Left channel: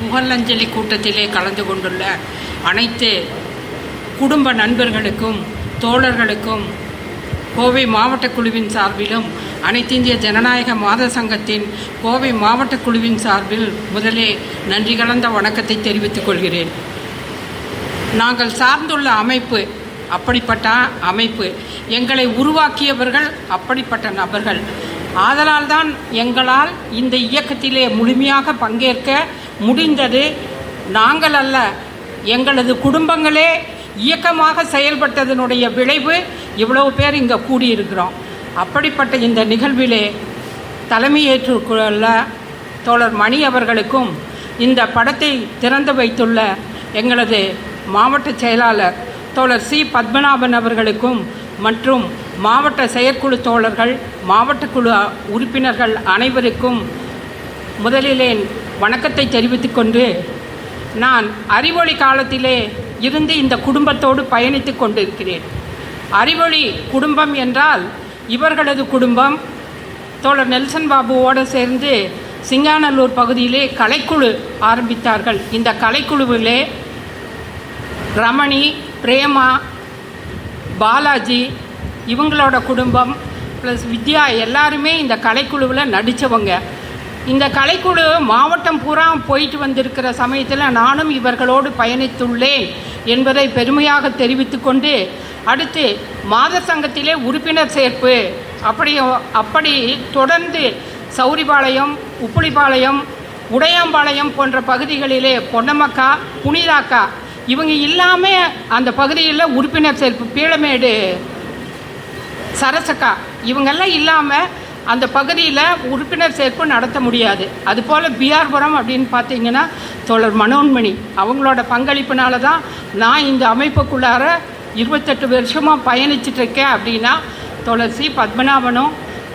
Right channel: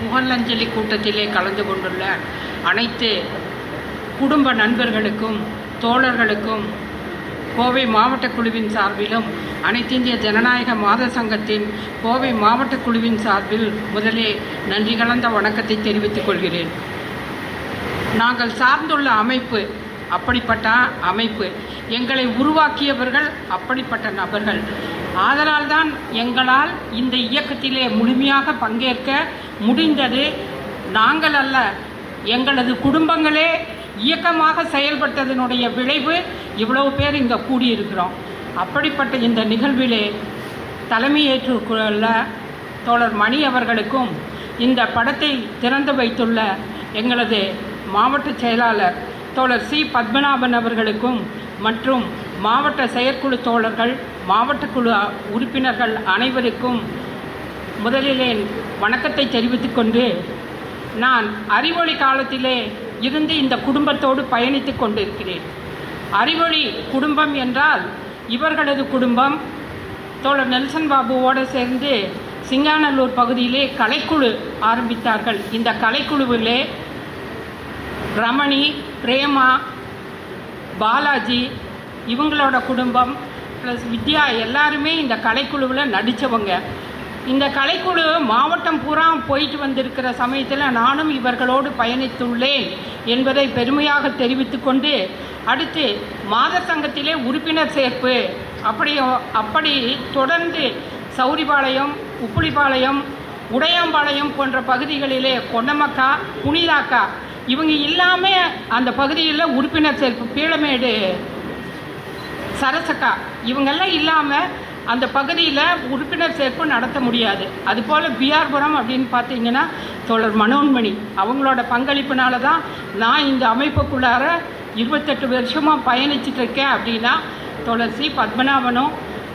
புகழஞ்சலி கூட்டத்திலே கலந்து கொண்டுள்ள அனைத்து குடும்ப நண்பர்களுக்கும் தோழர்களுக்கும் கோவை மாவட்ட குழுவின் சார்பிலும் அனைத்து இந்திய ஜனநாயக மாத சங்கத்தின் கோவை மாவட்ட குழுவின் சார்பில் முதலே நன்றி கலந்த வணக்கத்தை தெரிவித்துக் கொள்கிறேன். நாங்கள் சார்ந்துள்ள அமைப்பு அப்படிப்பட்ட அமைப்பு, எங்களை உருவாக்கியவர்கள் அப்படிப்பட்ட நபர்கள். ஆதலால்தான் எங்களால் இந்த இயக்கத்திலே முழுமையாக பங்கேற்க முடிந்தது. நாங்கள் அல்ல, எங்களது குடும்பங்களே இயக்கமாக செயல்பட்டதனுடைய விளைவு இவ்வளவு பேர் இங்கே கூடியிருக்கிறோம். அப்படிப்பட்ட இந்த நிகழ்விலே தலைமையேற்றுள்ள தோழர் மணி அவர்களுக்கும், இந்த படத்தை திறந்து வைத்துள்ள எங்களது மாவட்ட செயலாளர் தோழர் சி பத்மநாபன் அவர்களுக்கும் மற்றும் மாவட்ட செயற்குழு தோழர்கள், மாவட்ட குழு உறுப்பினர்கள் அனைவருக்கும் முதலிலே வணக்கத்தை தெரிவித்துக் கொண்டு, நான் அறிவொளி காலத்திலே இருந்து இந்த குடும்பத்தோடு பயணித்து கொண்டிருக்கிறேன். அறிவொளி குடும்பம் என்றால் இவர்களது குடும்பம் தோழர் நெல்சன் பாபுவோடு சேர்ந்து சிங்காநல்லூர் பகுதியிலே கலைக்குழு ஆரம்பித்தார்கள். இந்த கலைக்குழுவிலே ரமணி, பிரேமா, பாலாஜி இவங்களோட குடும்பம் ப்ளஸ் வித்யா எல்லாருமே இந்த கலைக்குழுவில் நடித்தவங்க. இந்த கலைக்குழு மாவட்டம் பூரா போயிட்டு வந்திருக்கிற சமயத்தில் நானும் இவர்களோடு பயணித்துள்ளேன் என்பதை பெருமையாக தெரிவித்து கொண்டு, அடுத்து மாத சங்கத்திலே உறுப்பினர் சேர்ப்பு அப்படி தொடர்ந்து சௌரிபாளையம், உப்புளிப்பாளையம், உடையாம்பாளையம் போன்ற பகுதிகளிலே பொன்னமக்கா, புனிதாக்கா இவங்க இல்லாமல் அந்த பகுதியில் உறுப்பினர் சேர்ப்பு, பீளமேடு சரசக்கா இவங்கெல்லாம் இல்லாமல் அந்த பகுதியில் உறுப்பினர் சேர்ப்பு நடத்த முடியாது. அதுபோல் பிஆர்புரம் அப்படின்னு பார்த்தீங்கன்னா தோழர் மனோன்மணி அவங்களோட பங்களிப்பினால தான் நான் இந்த அமைப்புக்குள்ளார 28 வருஷமாக பயணிச்சிட்ருக்கேன். அப்படின்னா தோழர் சி பத்மநாபனும்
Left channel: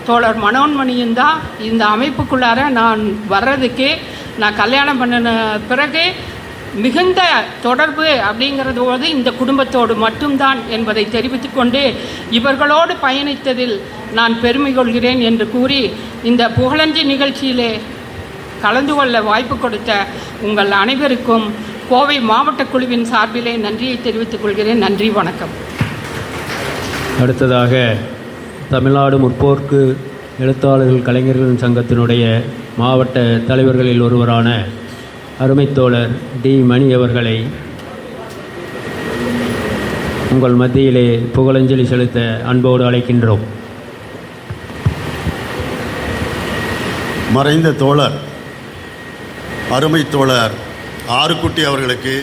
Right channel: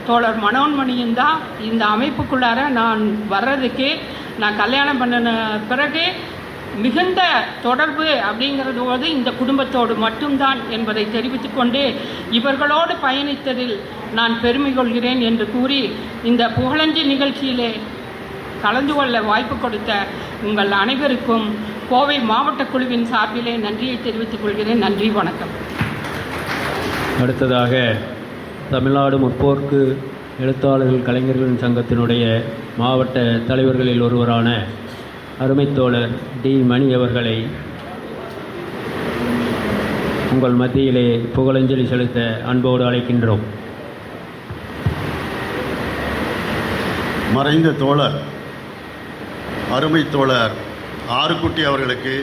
தோழர் மனோன்மணியும் தான் இந்த அமைப்புக்குள்ளார நான் வர்றதுக்கு, நான் கல்யாணம் பண்ணின பிறகு மிகுந்த தொடர்பு அப்படிங்கிறது போது இந்த குடும்பத்தோடு மட்டும்தான் என்பதை தெரிவித்துக்கொண்டு, இவர்களோடு பயணித்ததில் நான் பெருமை கொள்கிறேன் என்று கூறி, இந்த புகழஞ்சி நிகழ்ச்சியிலே கலந்து கொள்ள வாய்ப்பு கொடுத்த உங்கள் அனைவருக்கும் கோவை மாவட்ட குழுவின் சார்பிலே நன்றியை தெரிவித்துக் கொள்கிறேன். நன்றி, வணக்கம். அடுத்ததாக தமிழ்நாடு முற்போக்கு எழுத்தாளர்கள் கலைஞர்கள் சங்கத்தினுடைய மாவட்ட தலைவர்களில் ஒருவரான அருமைத்தோழர் டி மணி அவர்களை உங்கள் மத்தியிலே புகழஞ்சலி செலுத்த அன்போடு அழைக்கின்றோம். மறைந்த தோழர் அருமைத்தோழர் ஆறுக்குட்டி அவர்களுக்கு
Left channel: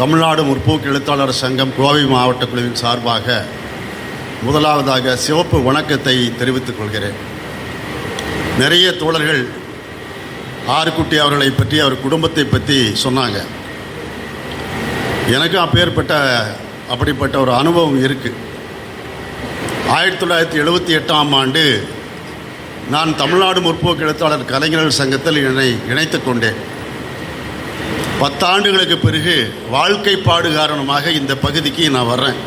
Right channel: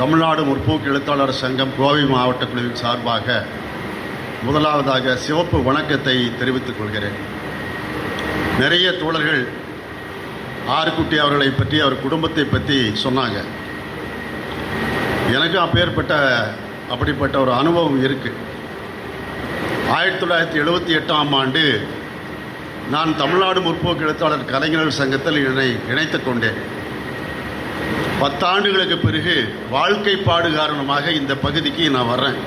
தமிழ்நாடு முற்போக்கு எழுத்தாளர் சங்கம் கோவை மாவட்ட குழுவின் சார்பாக முதலாவதாக சிவப்பு வணக்கத்தை தெரிவித்துக் கொள்கிறேன். நிறைய தோழர்கள் ஆறுக்குட்டி அவர்களை பற்றி, அவர் குடும்பத்தை பற்றி சொன்னாங்க. எனக்கும் அப்படிப்பட்ட ஒரு அனுபவம் இருக்குது. 1978ஆம் ஆண்டு நான் தமிழ்நாடு முற்போக்கு எழுத்தாளர் கலைஞர்கள் சங்கத்தில் இணைத்து கொண்டேன். 10 ஆண்டுகளுக்கு பிறகு வாழ்க்கைப்பாடு காரணமாக இந்த பகுதிக்கு நான் வர்றேன்.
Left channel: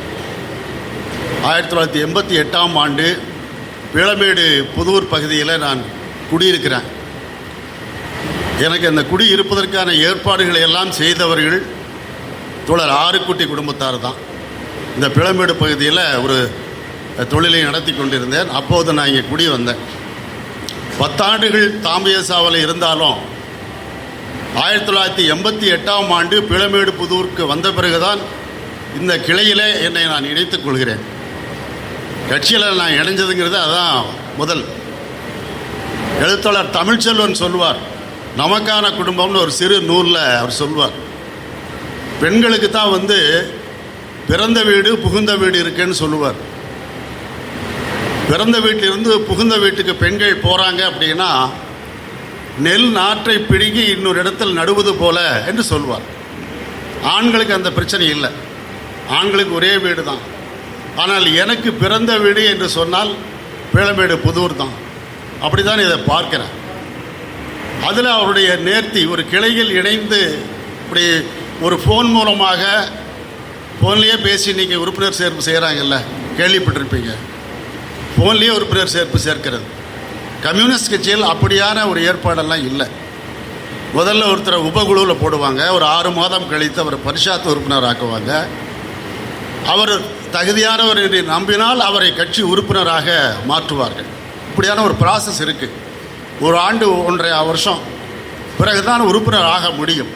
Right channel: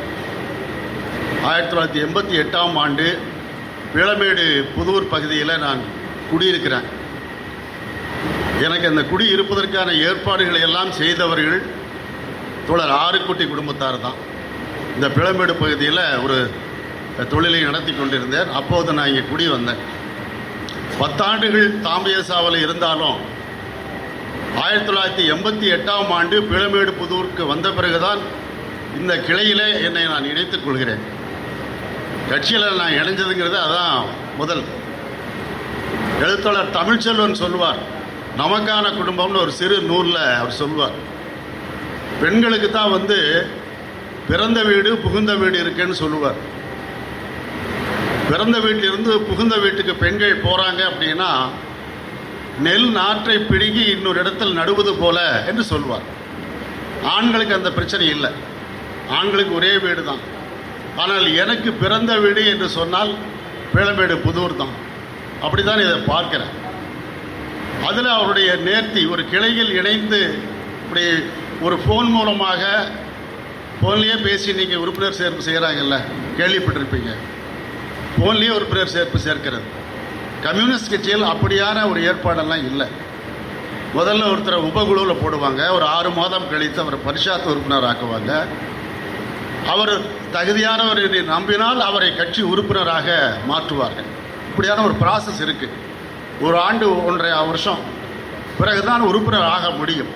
1988ஆம் ஆண்டு பீளமேடு புதூர் பகுதியில் நான் குடியிருக்கிறேன். எனக்கு அந்த குடி இருப்பதற்கான ஏற்பாடுகளை எல்லாம் செய்தவர்கள் தோழர் ஆறுக்குட்டி குடும்பத்தார் தான். இந்த பீளமேடு பகுதியில் ஒரு தொழிலை நடத்தி கொண்டிருந்தேன். அப்போது நான் இங்கே குடி வந்தேன். 10 ஆண்டுகள் தாம்பியசாவில் இருந்தாலும் 1988ஆம் ஆண்டு பீளமேடு புதூருக்கு வந்த பிறகுதான் இந்த கிளையிலே என்னை நான் இணைத்துக் கொள்கிறேன். கட்சியில் நான் இணைஞ்சதுங்கிறது அதுதான் முதல். எழுத்தாளர் தமிழ்ச்செல்வன் சொல்வார், நமக்கான குடும்பம்னு ஒரு சிறு நூலில் அவர் சொல்வார், பெண்களுக்கு தான் பிறந்த வீடு புகுந்த வீடு இருக்குன்னு சொல்லுவார். பிறந்த வீட்டிலிருந்து புகுந்த வீட்டுக்கு பெண்கள் போகிறாங்க அப்படின்னா நெல் நாற்றை பிடுங்கி இன்னொரு இடத்தில் நடுவது போல என்று சொல்வார். ஆண்களுக்கு அந்த பிரச்சனை இல்லை, ஆண்களுக்கு ஒரே வீடு தான். ஆனால் எனக்கு பிறந்த வீடு என்று சொன்னால் பீளமேடு புதூர் தான். அப்படி தான் இதை பார்க்கிறேன். அதில் அவருடைய நேர்த்தி, ஒரு கிளையில் இணைந்து இப்படி ஒரு ஃபோன் மூலமாக, ஃபோன்லேயே பேசி நீங்கள் உறுப்பினர் சேர்ப்பு செய்கிறாங்கல்ல, கேள்விப்பட்டிருப்பீங்க. ஃபோன்லேயே உறுப்பினர் சேர்ப்பு சேர்க்கிறது. கம்யூனிஸ்ட் கட்சியில் அப்படியான ஒரு ஏற்பாடெல்லாம் இல்லை. முதல்ல ஒருத்தரை உபகுழுவில் போடுவாங்க, ஒரு 6 மாதம் கழித்து அவரை பரிஷாத்து உறுப்பினர் ஆக்குவாங்க. அவர் தகுதியானவர் என்று நம்பினால் அவரை கட்சி உறுப்பினராக மாற்றுவார்கள். இப்படியான ஒரு ப்ராசஸ் இருக்குது. ஒரு ஆண்டு 1.5 வருஷம் பிறகுதான் உறுப்பினர் ஆக முடியும்.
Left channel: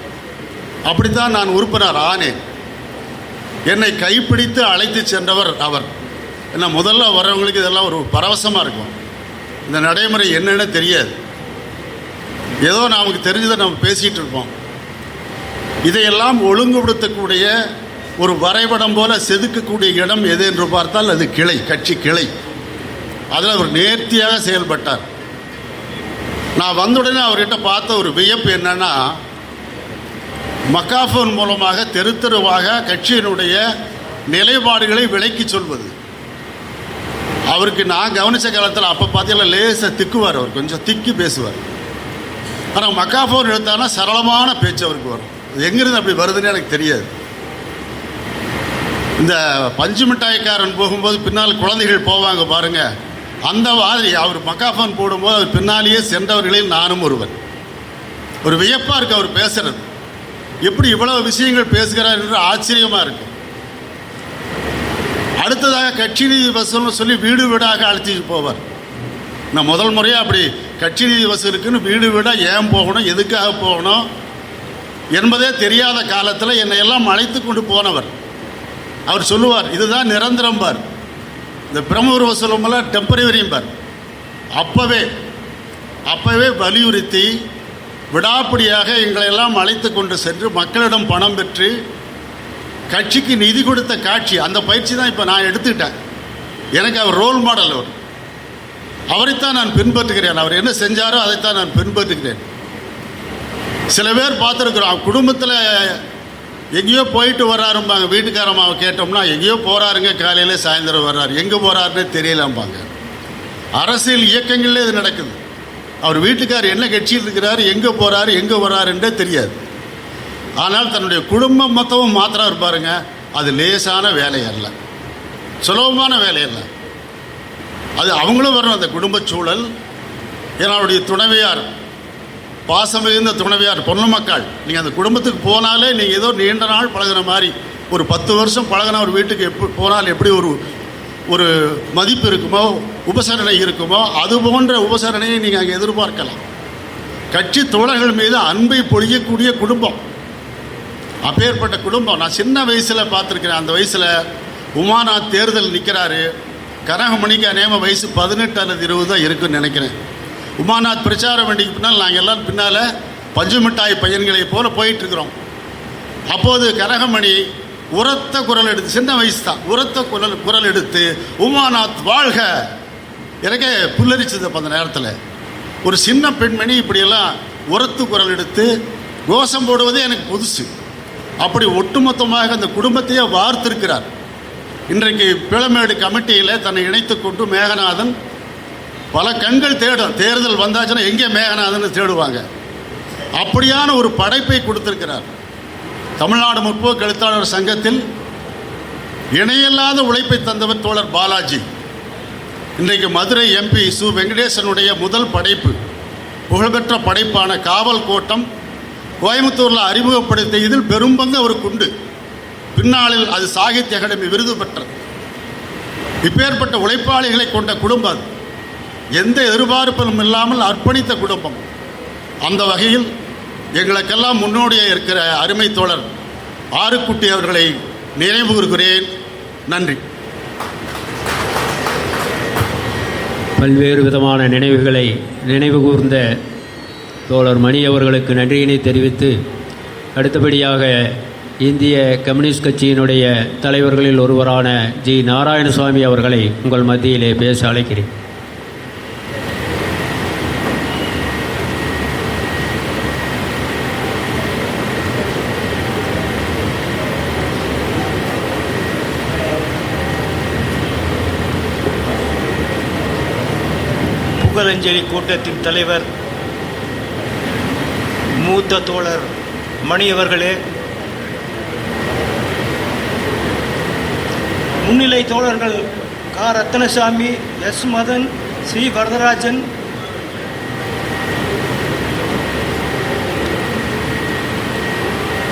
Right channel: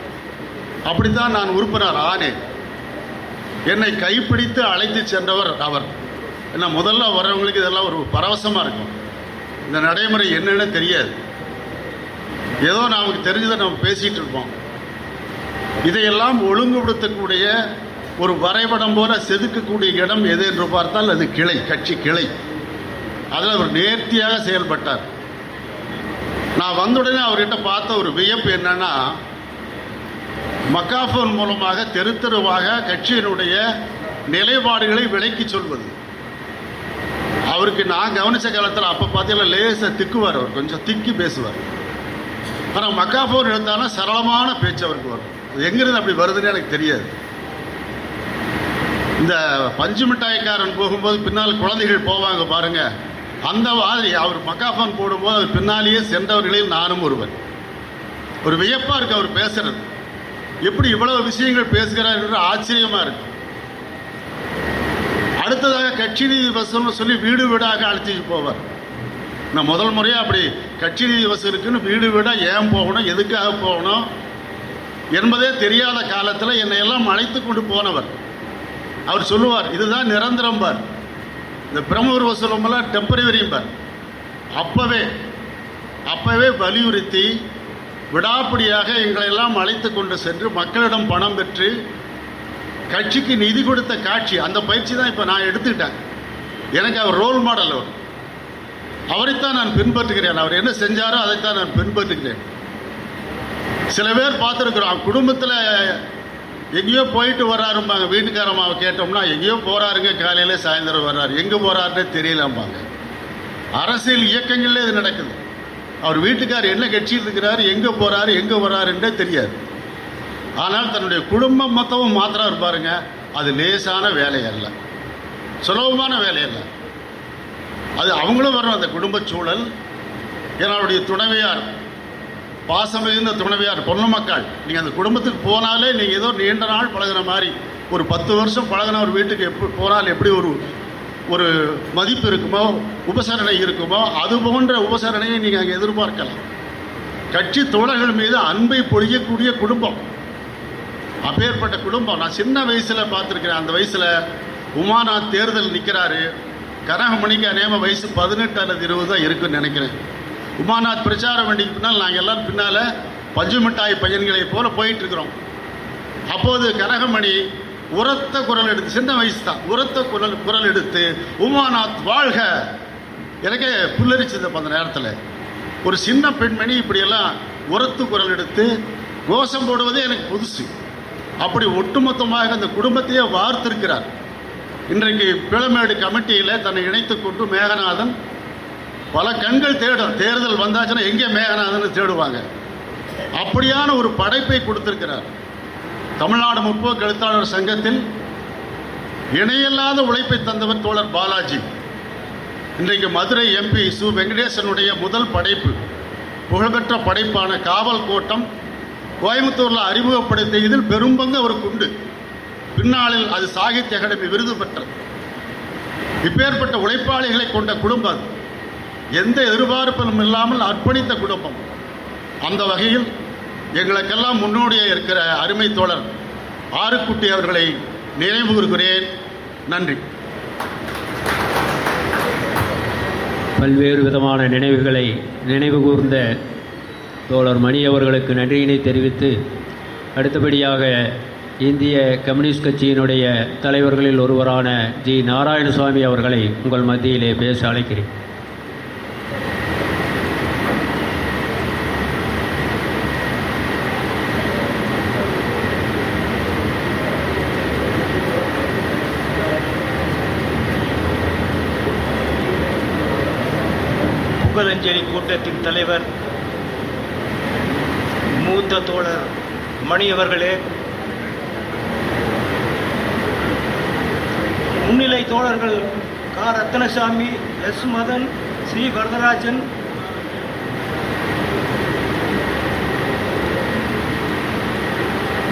அப்படித்தான் நான் உறுப்பினர் ஆனேன். என்னை கைப்பிடித்து அழைத்து சென்றவர் அவர். ஏன்னா முதல்ல வரவங்களுக்கு இதெல்லாம் ஒரு பரவசமாக இருக்கும். இந்த நடைமுறை என்னென்னு தெரியாது. ஏதோ நமக்கு தெரிஞ்சதை நம்ம பேசிகிட்டு இருப்போம். இதையெல்லாம் ஒழுங்குபடுத்தக்கூடிய ஒரு வரைபடம் போல செதுக்கக்கூடிய இடம் எது என்று பார்த்தால் அது கிளை, கட்சி கிளை. அதில் அவர் நேர்த்தியாக செயல்பட்டார். நான் வந்தவுடனே அவர்கிட்ட பார்த்த ஒரு வியப்பு என்னன்னா, மக்காஃபோன் மூலமாக தெரு தெருவாக கட்சியினுடைய நிலைப்பாடுகளை விளக்கி சொல்வது. அவருக்கு நான் கவனித்த காலத்தில் அப்போ பார்த்தீங்கன்னா லேசாக திக்குவார், அவர் கொஞ்சம் திக்கி பேசுவார். ஆனால் மக்காஃபோன் எடுத்தாங்கன்னா சரளமான பேச்சு அவருக்கு வரும். எங்கிருந்து அப்படி வருதுன்னு எனக்கு தெரியாது. இந்த பஞ்சு மிட்டாய்க்காரன் போகும்போது பின்னால் குழந்தைகள் போவாங்க பாருங்க, அந்த மாதிரி அவர் மக்காஃபோன் போடும்போது அவர் பின்னாலேயே சென்றவர்களில் நானும் ஒருவன். ஒரு வியப்பாக இருக்கு அவர் பேசுறது. எப்படி இவ்வளவு விஷயங்கள் பேசுகிறார் என்று ஆச்சரியமாக இருக்கு. அடுத்ததாக கட்சி நிதி வசூல்னு சொல்லி வீடு வீடாக அழைச்சிட்டு போவார். நான் முதல் முறையாக அப்படி கட்சி நிதி வசூலுக்குன்னு வீடு வீடாக ஏன் போகணும், எதுக்காக போகணும் என்பதே தெரியாத காலத்தில் என்னை எல்லாம் அழைத்து கொண்டு போனவர். அவர் சொல்லுவார், இதுதான் நிரந்தரம் பார், இந்த பிரமுகர் வசூலமெல்லாம் டெம்பரவரியும் பார். அப்போவே வலியுறுத்தி விடாப்பிடியாக எங்களை எல்லாம் அழைத்து கொண்டு சென்று மக்களிடம் பணம் பெற்று கட்சிக்கு நிதி கொடுத்த காட்சி, அந்த பயிற்சி தான் இப்போ நான் எடுத்துக்கிட்டேன். எனக்கு அவர் ரோல் மாடல். அவரைத்தான் நான் பின்பற்றுகிறேன். அவர் என்ன செஞ்சாரோ அதைத்தான் நான் பின்பற்றுகிறேன். சில பேர் பார்த்துருக்குறோம், குடும்பத்தில் எங்கேயோ போயிட்டு வர்றாரும்பாங்க. வீட்டுக்காரம்மாவை கேட்டோம்னா எங்கேயோ போகிறாருங்க, காலையில் சாயந்தரம் வர்றாரு, எங்கே போகிறாருன்னே தெரியலாம்பாங்க. அரசியல் இயக்கங்களில் இது நடக்குது. அவர் வீட்டுக்கார் என்ன கட்சியில் இருக்கிறாரு, எங்கே போகிறாரு, எங்கே வர்றாருன்றே தெரியாது. ஆனால் தன்னுடைய குடும்பம் மொத்தமும் மாத்திரம் இருப்பாருங்க. அது லேசான வேலை அல்ல, சுலபமான வேலை அல்ல. அது அவங்களும் வரணும், அந்த குடும்ப சூழல். என்னுடைய துணைவியார், பாசம் மிகுந்த துணைவியார், பொண்ணு மக்கள். நீங்கள் அந்த குடும்பத்துக்கு போனாலே நீங்கள் ஏதோ நீண்ட நாள் பழகிற மாதிரி, ஒரு 10 வருஷம் பழகின ஒரு வீட்டுக்கு எப்படி போனால் எப்படி ஒரு மதிப்பு இருக்குமோ, உபசரணை இருக்குமோ, அது போன்ற உபசரணையை நீங்கள் அங்கே எதிர்பார்க்கலாம். கட்சி தோழர்கள் மீது அன்பை பொழியக்கூடிய குடும்பம், அப்பேற்பட்ட குடும்பம். நான் சின்ன வயசில் பார்த்துருக்கிறேன். அந்த வயசில் உமாநாத் தேர்தல் நிற்கிறாரு. கனகமணிக்கு அநேகமாக வயசு 18 அல்லது 20 தான் இருக்குன்னு நினைக்கிறேன். உமாநாத் பிரச்சார வண்டிக்கு பின்னால் நாங்கள் எல்லாம் பின்னால் பஞ்சு மிட்டாய் பையன்களை போல போயிட்டுருக்குறோம். அப்போது கனகமணி உரத்த குரல் எடுத்து, சின்ன வயசு தான், உரத்த குரல் எடுத்து உமாநாத் வாழ்க, எனக்கே புல்லரிச்சது. அந்த நேரத்தில் ஒரு சின்ன பெண்மணி இப்படியெல்லாம் உரத்து குரல் எடுத்து கோஷம் போடுவதே எனக்கு புதுசு. அப்படி ஒட்டுமொத்தமாக அந்த குடும்பத்தையே வார்த்திருக்கிறார். இன்றைக்கு பிளமேடு கமிட்டியில் தன்னை இணைத்து கொண்டு மேகநாதன் பல கண்கள் தேடும். தேர்தல் வந்தாச்சுன்னா எங்கே மேகநாதன் தேடுவாங்க. அப்படியான ஒரு படைப்பை கொடுத்திருக்கிறார். தமிழ்நாடு முற்போக்கு எழுத்தாளர் சங்கத்தில் இணையில்லாத உழைப்பை தந்தவர் தோழர் பாலாஜி. இன்றைக்கு மதுரை எம்பி சு வெங்கடேசனுடைய முதல் படைப்பு, புகழ்பெற்ற படைப்பான காவல் கோட்டம் கோயம்புத்தூரில் அறிமுகப்படுத்தியதில் பெரும்பங்கு அவருக்கு உண்டு. பின்னாளில் அது சாகித்ய அகாடமி விருது பெற்றது. இப்பேற்பட்ட உழைப்பாளிகளை கொண்ட குடும்பம், எந்த எதிர்பார்ப்பும் இல்லாமல் அர்ப்பணித்த குடும்பம். அந்த வகையில் எங்களுக்கெல்லாம் முன்னோடியாக இருக்கிற அருமை தோழர் ஆறுக்குட்டி அவர்களை நினைவு கூறுகிறேன். நன்றி. பல்வேறு விதமான நினைவுகளை நினைவு கூர்ந்த தோழர் மணி அவர்களுக்கு நன்றியினை தெரிவித்து, அடுத்தபடியாக இந்திய கம்யூனிஸ்ட் கட்சியினுடைய தலைவர்களில் ஒருவரான ஜி நாராயணசுவாமி அவர்களை உங்கள் மத்தியிலே பேச அழைக்கிறேன். புகழஞ்சலி கூட்டத்தின் தலைவர் மூத்த தோழர் மணி அவர்களே, முன்னிலை தோழர்கள் கா ரத்னசாமி, எஸ் மதன், ஸ்ரீ வரதராஜன்,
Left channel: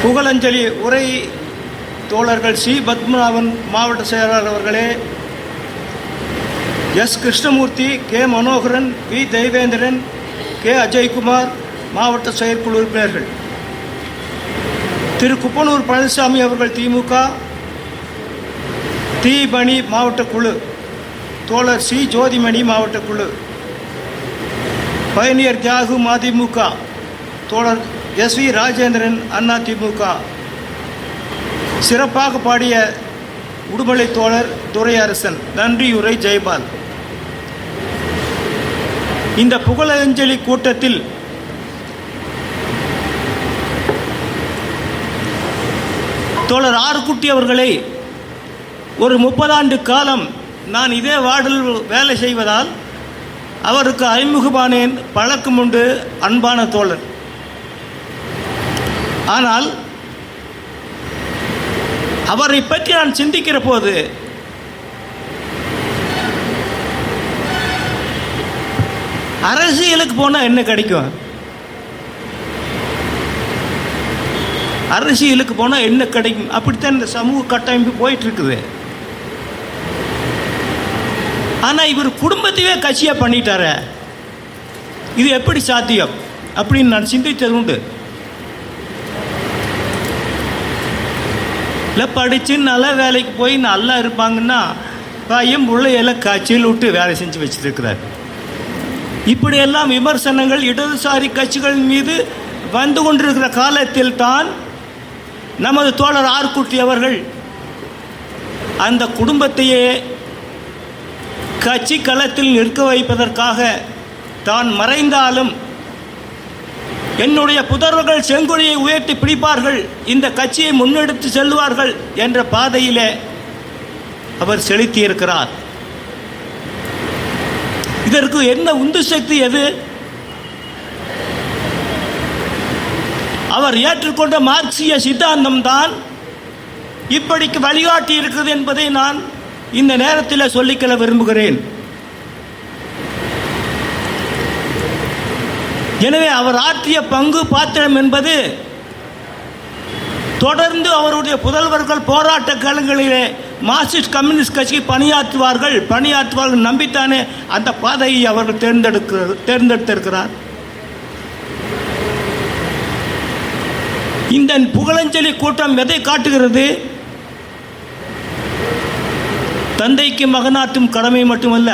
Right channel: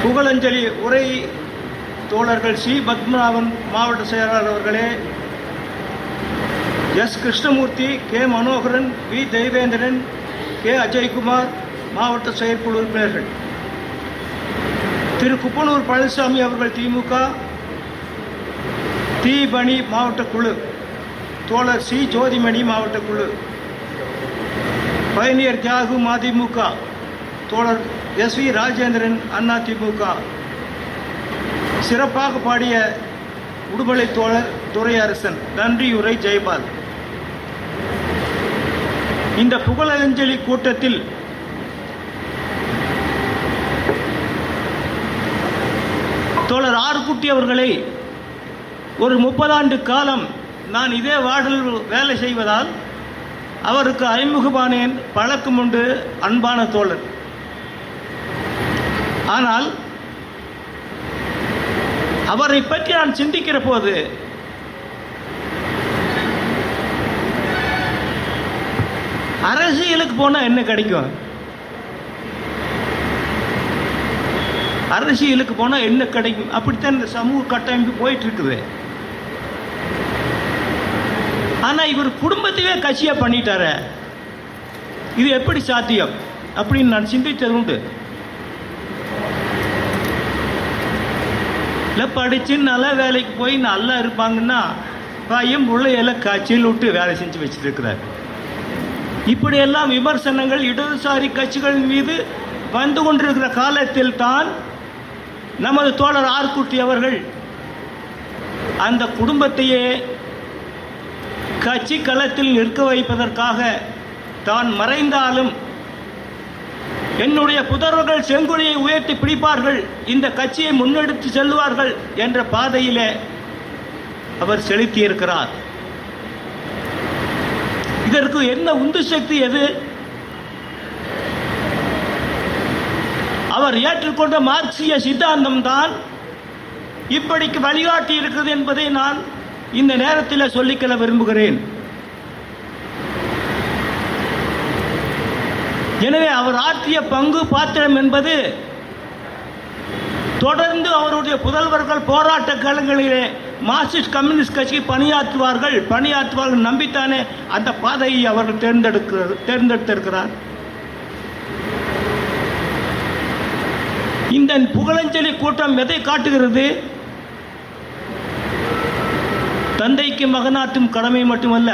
புகழஞ்சலி உரை தோழர்கள் சி பத்மநாபன் மாவட்ட செயலாளர் அவர்களே, S Krishnamoorthy, K Manoharan, V Deivendran, K Ajaykumar மாவட்ட செயற்குழு உறுப்பினர்கள், திரு குப்பனூர் பழனிசாமி அவர்கள் திமுக, தி பணி மாவட்ட குழு, தோழர் சி ஜோதிமணி மாவட்ட குழு, பயணியர் தியாகு மதிமுக, தோழர் எஸ் வி ராஜேந்திரன் அதிமுக, சிறப்பாக பாடிய உடுமலை தோழர் துரையரசன். நன்றியுரை ஜெயபால். இந்த புகழஞ்சலி கூட்டத்தில் தோழர் ஆர்குட்டி அவர்களை ஒரு 30 ஆண்டு காலம் நான் இதே வார்டில் வேலை செய்வதால் அவருக்கு அறிமுகமானேன். பழக்கம் உண்டு, அன்பான தோழர். ஆனால் அவரை பற்றி நான் சிந்திக்கிற போது அரசியலுக்கு போனால் என்ன கிடைக்கும், அரசியலுக்கு போனால் என்ன கிடைக்கும், அப்படித்தான் இந்த சமூக கட்டமைப்பு போயிட்டு இருக்குது. ஆனால் இவர் குடும்பத்தையே கட்சியாக பண்ணிட்டார, இது எப்படி சாத்தியம் அப்படின்னு நான் சிந்தித்தது உண்டு. இல்லை படித்து நல்ல வேலைக்கு போய் நல்லா இருப்பாங்கன்னா பையன் பிள்ளையெல்லாம் கட்சியில் விட்டு வேலை செஞ்சு வச்சுட்டு இருக்கிறார். இப்படியெல்லாம் விமர்சனங்கள் இடதுசாரி கட்சிகள் மீது வந்து கொண்டிருக்கிற காலத்தில் தான் நமது தோழர் ஆர்குட்டி அவர்கள் அந்த குடும்பத்தையே கட்சி களத்தில் நிற்க வைப்பதற்காக தான் மறைந்தாலும் என்னுடைய புதல்வர்கள் செங்கொடியை உயர்த்தி பிடிப்பார்கள், இந்த கட்சியை முன்னெடுத்து செல்வார்கள் என்ற பாதையிலே அவர் செலுத்தியிருக்கிறார். இதற்கு என்ன உந்து சக்தி எது? அவர் ஏற்றுக்கொண்ட மார்க்சிய சித்தாந்தம் தான் இப்படிக்கு வழிகாட்டி இருக்கிறது என்பதை நான் இந்த நேரத்தில் சொல்லிக்கொள்ள விரும்புகிறேன். எனவே அவர் ஆற்றிய பங்கு பாத்திரம் என்பது தொடர்ந்து அவருடைய புதல்வர்கள் போராட்ட களங்களிலே மார்க்சிஸ்ட் கம்யூனிஸ்ட் கட்சி பணியாற்றுவார்கள் நம்பித்தானே அந்த பாதையை அவர்கள் தேர்ந்தெடுத்திருக்கிறார். இந்த புகழஞ்சலி கூட்டம் எதை காட்டுகிறது? தந்தைக்கு மகனாற்றும் கடமை மட்டுமல்ல,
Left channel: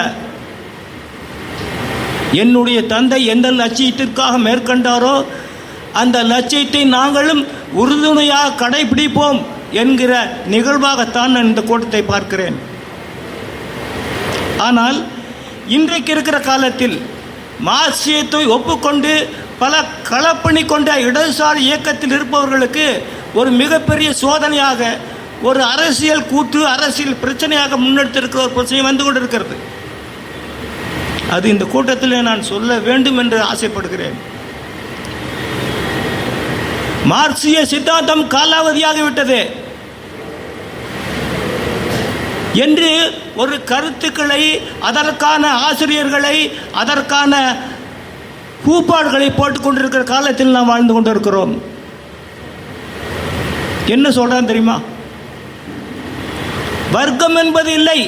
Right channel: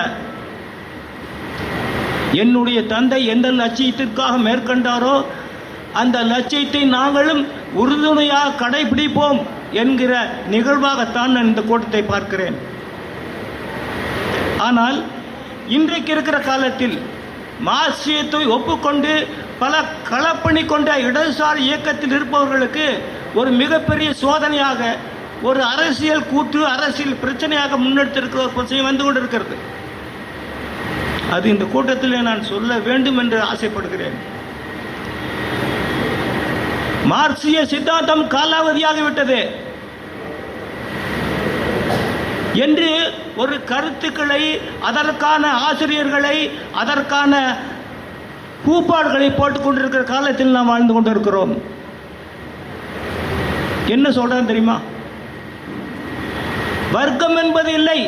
என்னுடைய தந்தை எந்த லட்சியத்திற்காக மேற்கொண்டாரோ அந்த லட்சியத்தை நாங்களும் உறுதுணையாக கடைபிடிப்போம் என்கிற நிகழ்வாகத்தான் நான் இந்த கூட்டத்தை பார்க்கிறேன். ஆனால் இன்றைக்கு இருக்கிற காலத்தில் மார்க்சியத்தை ஒப்புக்கொண்டு பல களப்பணி கொண்ட இடதுசாரி இயக்கத்தில் இருப்பவர்களுக்கு ஒரு மிகப்பெரிய சோதனையாக, ஒரு அரசியல் கூற்று, அரசியல் பிரச்சனையாக முன்னெடுத்திருக்கிற ஒரு பிரச்சனை வந்து கொண்டிருக்கிறது. அது இந்த கூட்டத்தில் நான் சொல்ல வேண்டும் என்று ஆசைப்படுகிறேன். மார்க்சிய சித்தாந்தம் காலாவதியாகிவிட்டது என்று ஒரு கருத்துக்களை, அதற்கான ஆசிரியர்களை, அதற்கான கூப்பாடுகளை போட்டுக் கொண்டிருக்கிற காலத்தில் நாம் வாழ்ந்து கொண்டிருக்கிறோம். என்ன சொல்றான் தெரியுமா? வர்க்கம் என்பது இல்லை,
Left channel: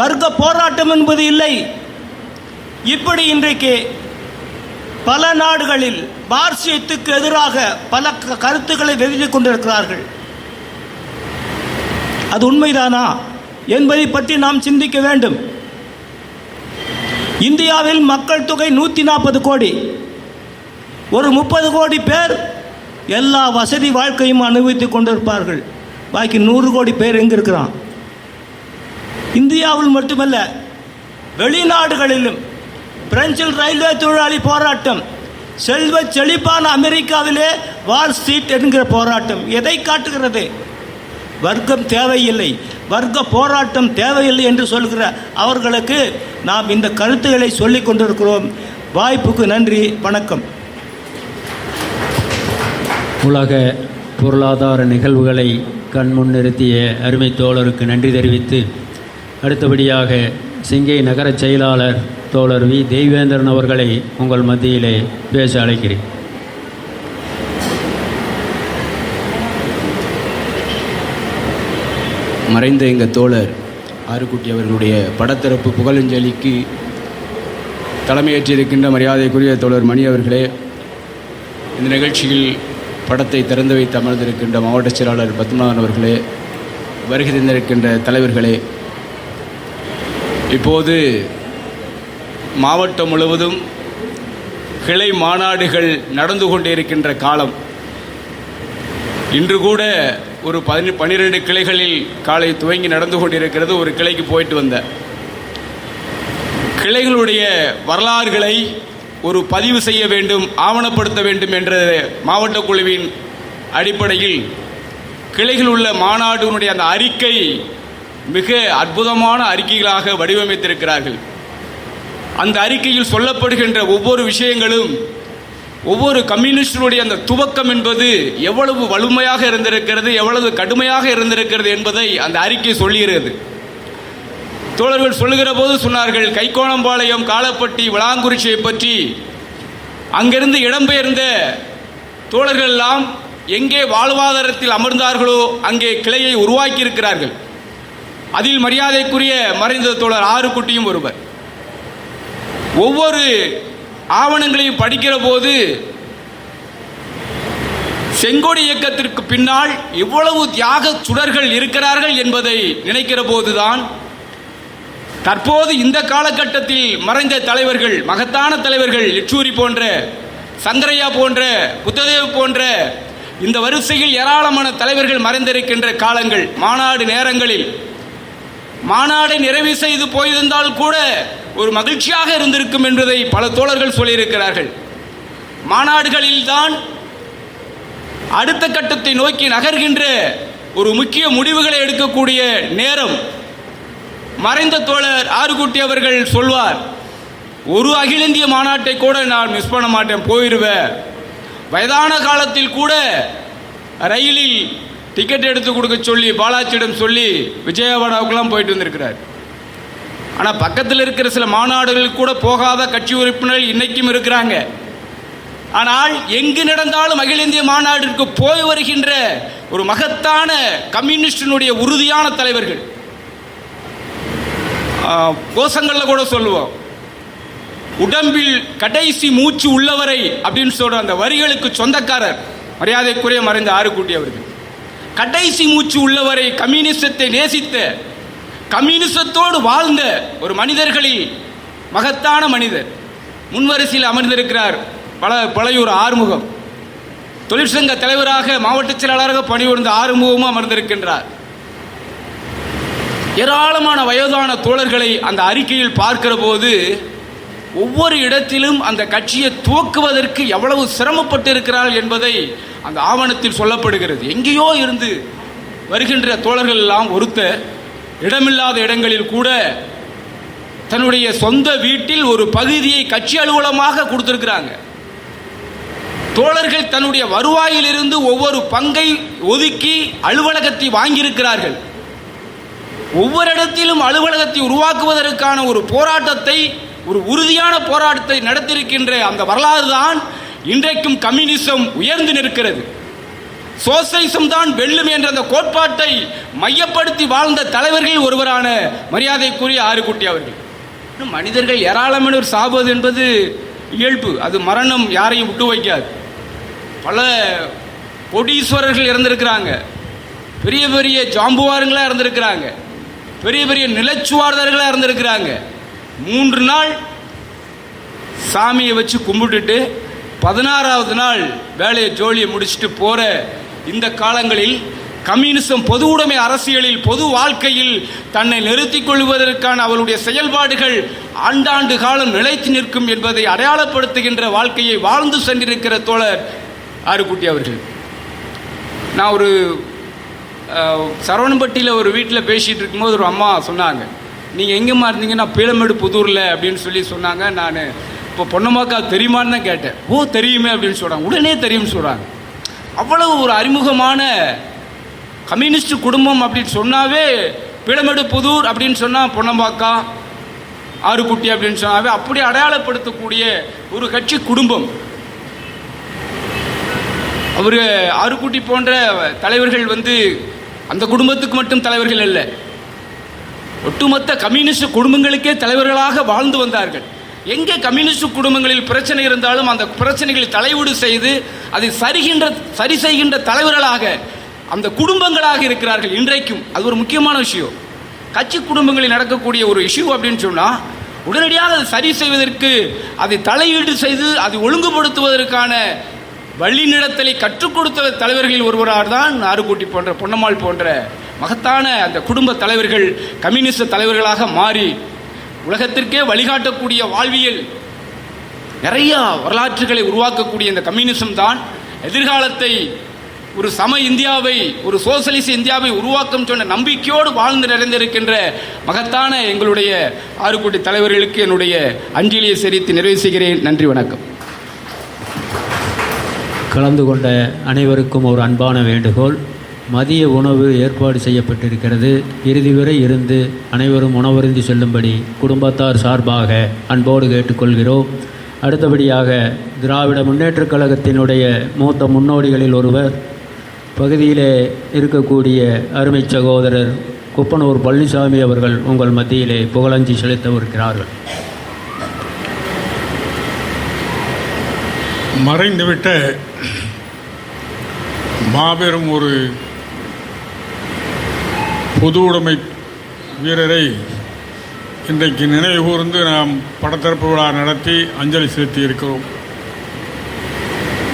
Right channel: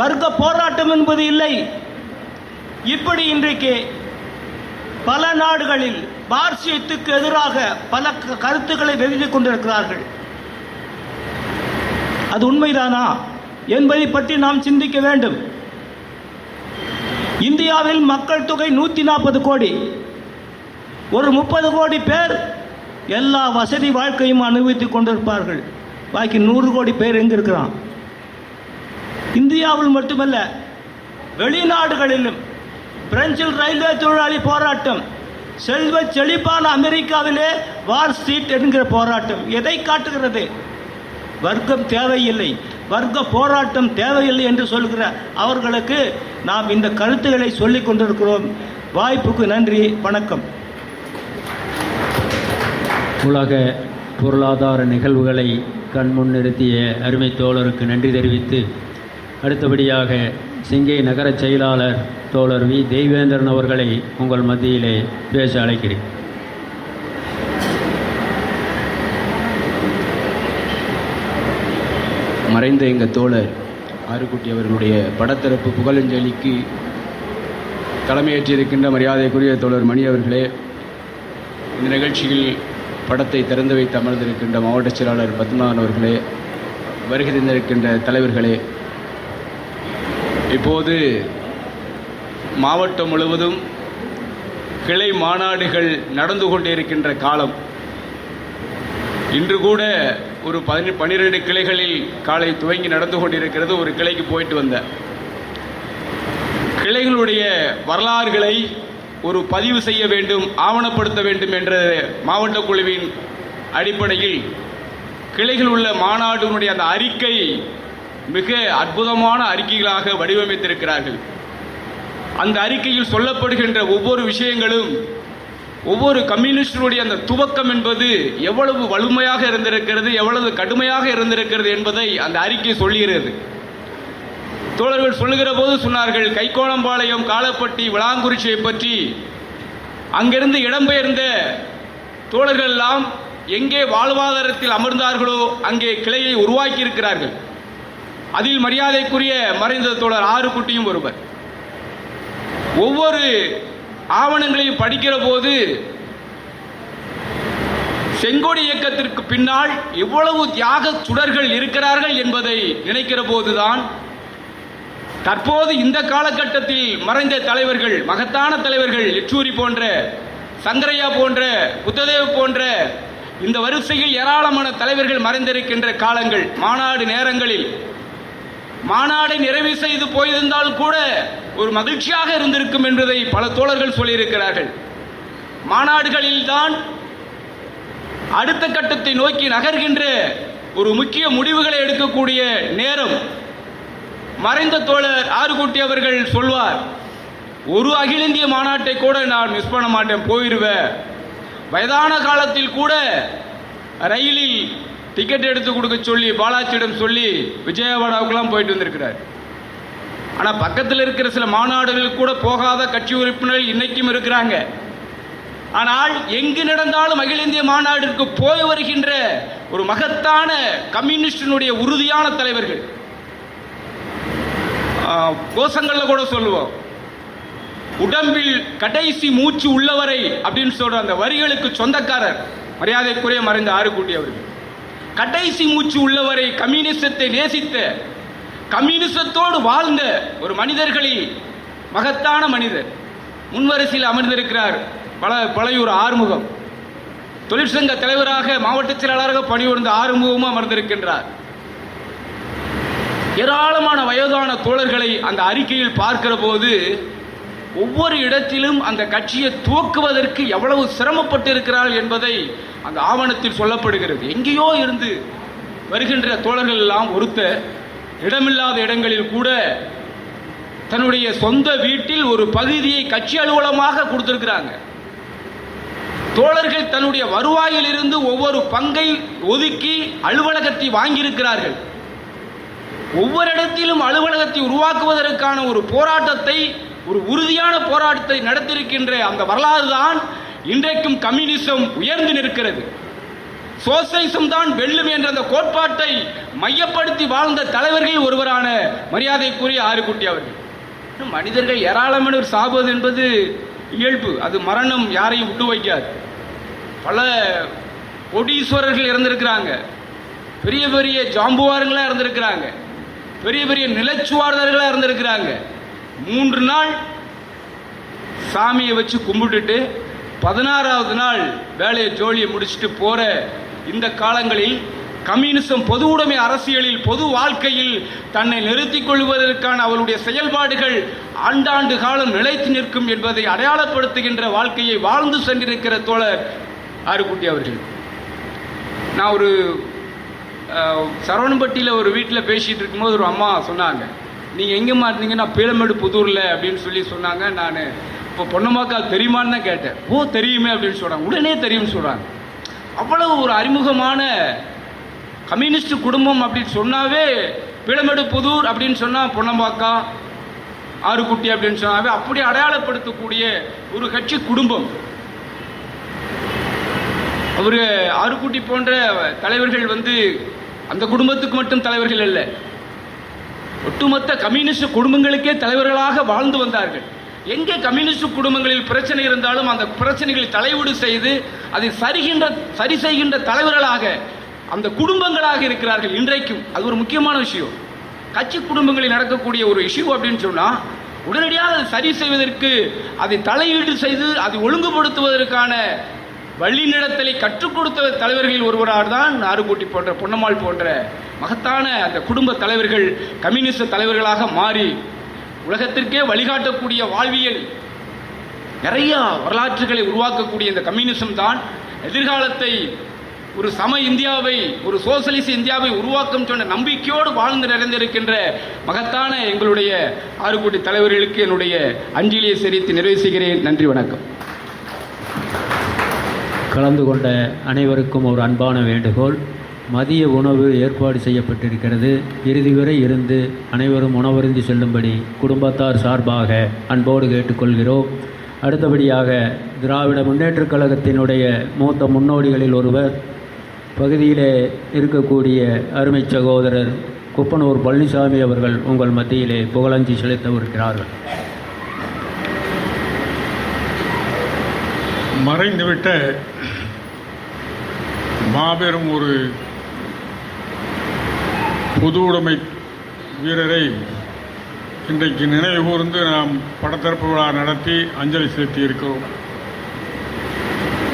வர்க்க போராட்டம் என்பது இல்லை. இப்படி இன்றைக்கு பல நாடுகளில் மார்க்சியத்துக்கு எதிராக பல கருத்துக்களை வெளியிட்டுக் கொண்டிருக்கிறார்கள். அது உண்மைதானா என்பதை பற்றி நாம் சிந்திக்க வேண்டும். இந்தியாவில் மக்கள் தொகை 140 கோடி. ஒரு 30 கோடி பேர் எல்லா வசதி வாழ்க்கையும் அனுபவித்துக் கொண்டிருப்பார்கள். பாக்கி 100 கோடி பேர் எங்க இருக்கிறான்? இந்தியாவில் மட்டுமல்ல, வெளிநாடுகளிலும். பிரெஞ்சில் ரயில்வே தொழிலாளி போராட்டம், செல்வ செழிப்பான அமெரிக்காவிலே வால் ஸ்ட்ரீட் என்கிற போராட்டம் எதை காட்டுகிறது? வர்க்கம் தேவையில்லை, வர்க்க போராட்டம் தேவையில்லை என்று சொல்கிற அவர்களுக்கு நாம் இந்த கருத்துக்களை சொல்லிக் கொண்டிருக்கிறோம். வாய்ப்புக்கு நன்றி, வணக்கம். உலக பொருளாதார நிகழ்வுகளை கண்முன் நிறுத்திய அருமை தோழருக்கு நன்றி தெரிவித்து, அடுத்தபடியாக சிங்கை நகர செயலாளர் தோழர் வி தெய்வேந்திரன் அவர்களை உங்கள் மத்தியிலே பேச அழைக்கிறேன். மறைந்த எங்கள் தோழர் ஆறுக்குட்டி அவர்களுடைய படத்திறப்பு புகழஞ்சலிக்கு தலைமையேற்றிருக்கின்ற மரியாதைக்குரிய தோழர் மணி அவர்களே, இந்த நிகழ்ச்சியில் படத்தை திறந்து வைத்து அமர்ந்திருக்கின்ற மாவட்ட செயலாளர் பத்மநாதன் அவர்களே, வருகை தந்திருக்கின்ற தலைவர்களே, இப்போது மாவட்டம் முழுவதும் கிளை மாநாடுகள் நடந்து கொண்டிருக்கின்ற காலம். இன்று கூட ஒரு 12 கிளைகளில் காலை துவங்கி நடந்து கொண்டிருக்கிறது. ஒரு கிளைக்கு போயிட்டு வந்த கிளைகளுடைய வரலாறுகளை ஒரு பதிவு செய்ய வேண்டும், ஆவணப்படுத்த வேண்டும் என்ற மாவட்ட குழுவின் அடிப்படையில் கிளைகள் உள்ள மாநாடுனுடைய அந்த அறிக்கை மிக அற்புதமான அறிக்கைகளாக வடிவமைத்திருக்கிறார்கள். அந்த அறிக்கையில் சொல்லப்படுகின்ற ஒவ்வொரு விஷயங்களும் ஒவ்வொரு கம்யூனிஸ்டுடைய அந்த துவக்கம் என்பது எவ்வளவு வலிமையாக இருந்திருக்கிறது, எவ்வளவு கடுமையாக இருந்திருக்கிறது என்பதை அந்த அறிக்கை சொல்லுகிறது. தோழர்கள் சொல்லுகிற போது சொன்னார்கள், கைக்கோணம்பாளையம், காலப்பட்டி, விளாங்குறிச்சியை பற்றி அங்கிருந்து இடம்பெயர்ந்த தோழர்கள் எல்லாம் எங்கே வாழ்வாதாரத்தில் அமர்ந்தார்களோ அங்கே கிளையை உருவாக்கி இருக்கிறார்கள். அதில் மரியாதைக்குரிய மறைந்த தோழர் ஆறுக்குட்டியும் ஒருவர். ஒவ்வொரு ஆவணங்களையும் படிக்கிற போது செங்கோடி இயக்கத்திற்கு பின்னால் எவ்வளவு தியாக சுடர்கள் இருக்கிறார்கள் என்பதை நினைக்கிற போதுதான் தற்போது இந்த காலகட்டத்தில் மறைந்த தலைவர்கள், மகத்தான தலைவர்கள், யெச்சூரி போன்ற, சங்கரையா போன்ற, புத்ததேவ் போன்ற இந்த வரிசையில் ஏராளமான தலைவர்கள் மறைந்திருக்கின்ற காலங்கள். மாநாடு நேரங்களில் மாநாடை நிறைவு செய்து போயிருந்தால் கூட ஒரு மகிழ்ச்சியாக இருந்திருக்கும் என்பதை பல தோழர்கள் சொல்லியிருக்கிறார்கள். மாநாடுகளில் தான் அடுத்த கட்டத்தை நோக்கி நகர்கின்ற ஒரு முக்கிய முடிவுகளை எடுக்கக்கூடிய நேரம். மறைந்த தோழர் ஆறுக்குட்டி அவர்கள் சொல்வார், ஒரு அகில இந்திய மாநாட்டை கூட நான் மிஸ் பண்ண மாட்டேன், போயிடுவேன். வயதான காலத்தில் கூட ரயிலில் டிக்கெட் எடுத்து கொடுக்க சொல்லி பாலாஜியிடம் சொல்லி விஜயவாடாவுக்கெல்லாம் போயிட்டு வந்திருக்கிறார். ஆனால் பக்கத்தில் இருக்கிற சில மாநாடுகளுக்கு கூட போகாத கட்சி உறுப்பினர்கள் இன்னைக்கும் இருக்கிறாங்க. ஆனால் எங்கு நடந்தாலும் அகில இந்திய மாநாட்டிற்கு போய் வருகின்ற ஒரு மகத்தான கம்யூனிஸ்டினுடைய உறுதியான தலைவர்கள். கோஷங்களில் கூட சொல்லுவோம், உடம்பில் கடைசி மூச்சு உள்ளவரை அப்படின்னு சொல்ற அந்த வரிகளுக்கு சொந்தக்காரர் மரியாதைக்குரிய மறைந்த ஆறுக்குட்டி அவர்கள். கடைசி மூச்சு உள்ளவரை கம்யூனிசத்தை நேசித்த, கம்யூனிசத்தோடு வாழ்ந்த ஒரு மனிதர்களில் மகத்தான மனிதர். முன்வரிசையில் அமர்ந்திருக்கிறார் பழையூர் ஆறுமுகம். தொழிற்சங்க தலைவராக, மாவட்ட செயலாளராக பணிபுரிந்த ஆறுமுகமும் அமர்ந்திருக்கின்றார். ஏராளமான வயதான தோழர்களை அந்த அறிக்கையில் பார்க்கிற போது ஒவ்வொரு இடத்திலும் அந்த கட்சியை துவக்குவதற்கு எவ்வளவு சிரமப்பட்டிருக்கிறார்கள் என்பதை அந்த ஆவணத்தில் சொல்லப்படுகிறது. எங்கேயோ இருந்து வருகின்ற தோழர்கள் எல்லாம் ஒருத்த இடமில்லாத இடங்களில் கூட தன்னுடைய சொந்த வீட்டில் ஒரு பகுதியை கட்சி அலுவலகமாக கொடுத்திருக்கிறாங்க. தோழர்கள் தன்னுடைய வருவாயிலிருந்து ஒவ்வொரு பங்கை ஒதுக்கி அலுவலகத்தை வாங்கியிருக்கிறார்கள். ஒவ்வொரு இடத்திலும் அலுவலகத்தை உருவாக்குவதற்கான ஒரு போராட்டத்தை, ஒரு உறுதியான போராட்டத்தை நடத்தியிருக்கின்ற அந்த வரலாறு தான் இன்றைக்கும் கம்யூனிசம் உயர்ந்து நிற்கிறது. சோசியலிசம் தான் வெல்லும் என்ற அந்த கோட்பாட்டை மையப்படுத்தி வாழ்ந்த தலைவர்கள் ஒருவரான மரியாதைக்குரிய ஆறுக்குட்டி அவர்கள். மனிதர்கள் ஏராளமானவர் சாவது என்பது இயல்பு, அது மரணம் யாரையும் விட்டு வைக்காது. பல கோடீஸ்வரர்கள் இறந்திருக்கிறாங்க, பெரிய பெரிய ஜாம்புவாரங்களாக இறந்திருக்கிறாங்க, பெரிய பெரிய நிலச்சுவார்தர்களாக இறந்திருக்கிறாங்க. 3 நாள் சாமியை வச்சு கும்பிட்டுட்டு 16வது நாள் வேலையை ஜோலியை முடிச்சுட்டு போகிற இந்த காலங்களில் கம்யூனிசம் பொது உடைமை அரசியலில், பொது வாழ்க்கையில் தன்னை நிறுத்திக் கொள்வதற்கான அவருடைய செயல்பாடுகள் ஆண்டாண்டு காலம் நிலைத்து நிற்கும் என்பதை அடையாளப்படுத்துகின்ற வாழ்க்கையை வாழ்ந்து சென்றிருக்கிற தோழர் ஆறுக்குட்டி அவர்கள். நான் ஒரு சரவணம்பட்டியில் ஒரு வீட்டில் பேசிகிட்டு இருக்கும்போது ஒரு அம்மா சொன்னாங்க, நீங்கள் எங்கேம்மா இருந்தீங்கன்னா பீளமேடு புதூரில் அப்படின்னு சொல்லி சொன்னாங்க. நான் இப்போ பொன்னம்மாக்கா தெரியுமான்னு தான் கேட்டேன். ஓ தெரியுமே அப்படின்னு சொல்கிறாங்க. உடனே தெரியும்னு சொல்கிறாங்க. அவ்வளவு ஒரு அறிமுகமான கம்யூனிஸ்ட் குடும்பம் அப்படின்னு சொன்னாவே, பீளமேடு புதூர் அப்படின்னு சொன்னால் பொன்னம்மாக்கா, ஆறுக்குட்டி அப்படின்னு சொன்னாவே அப்படி அடையாளப்படுத்தக்கூடிய ஒரு கட்சி குடும்பம். அவர் ஆறுக்குட்டி போன்ற தலைவர்கள் அந்த குடும்பத்துக்கு மட்டும் தலைவர்கள் அல்ல, ஒட்டுமொத்த கம்யூனிஸ்ட் குடும்பங்களுக்கே தலைவர்களாக வாழ்ந்து வந்தார்கள். எங்கே கம்யூனிஸ்ட் குடும்பங்களில் பிரச்சனை இருந்தாலும் அந்த பிரச்சனைகளில் தலையீடு செய்து அதை சரி செய்கின்ற தலைவர்களாக அந்த குடும்பங்களாக இருக்கிறார்கள் இன்றைக்கும். அது ஒரு முக்கியமான விஷயம். கட்சி குடும்பங்களில் நடக்கக்கூடிய ஒரு இஷ்யூ அப்படின்னு சொன்னால் உடனடியாக அதை சரி செய்வதற்கு, அதை தலையீடு செய்து அதை ஒழுங்குபடுத்துவதற்கான வழிநடத்தலை கற்றுக் கொடுத்த தலைவர்களில் ஒருவராக தான் நாறுகுட்டி போன்ற, பொன்னம்மாள் போன்ற மகத்தான அந்த குடும்ப தலைவர்கள் கம்யூனிஸ்ட் தலைவர்களாக மாறி உலகத்திற்கே வழிகாட்டக்கூடிய வாழ்வியல் நிறைய வரலாற்றுகளை உருவாக்கக்கூடிய இந்த கம்யூனிசம் தான் எதிர்காலத்தை ஒரு சம இந்தியாவை, ஒரு சோசலிச இந்தியாவை உருவாக்கும் சொன்ன நம்பிக்கையோடு வாழ்ந்து நிறைந்திருக்கின்ற மகத்தான எங்களுடைய 6 கோடி தலைவர்களுக்கு என்னுடைய அஞ்சலியை செலுத்தி நிறைவு செய்கிறேன். நன்றி, வணக்கம். கலந்து கொண்ட அனைவருக்கும் ஒரு அன்பான வேண்டுகோள். மதிய உணவு ஏற்பாடு செய்யப்பட்டிருக்கிறது. இறுதி வரை இருந்து அனைவரும் உணவருந்தி செல்லும்படி குடும்பத்தார் சார்பாக அன்போடு கேட்டுக்கொள்கிறோம். அடுத்தபடியாக திராவிட முன்னேற்றக் கழகத்தினுடைய மூத்த முன்னோடிகளில் ஒருவர், பகுதியிலே இருக்கக்கூடிய அருமை சகோதரர் குப்பனூர் பழனிசாமி அவர்கள் உங்கள் மத்தியிலே புகழஞ்சி செலுத்தவிருக்கிறார்கள். மறைந்துவிட்ட மாபெரும் ஒரு பொது உடைமை வீரரை இன்றைக்கு நினைவு கூர்ந்து நாம் படத்திறப்பு விழா நடத்தி அஞ்சலி செலுத்தி இருக்கிறோம்.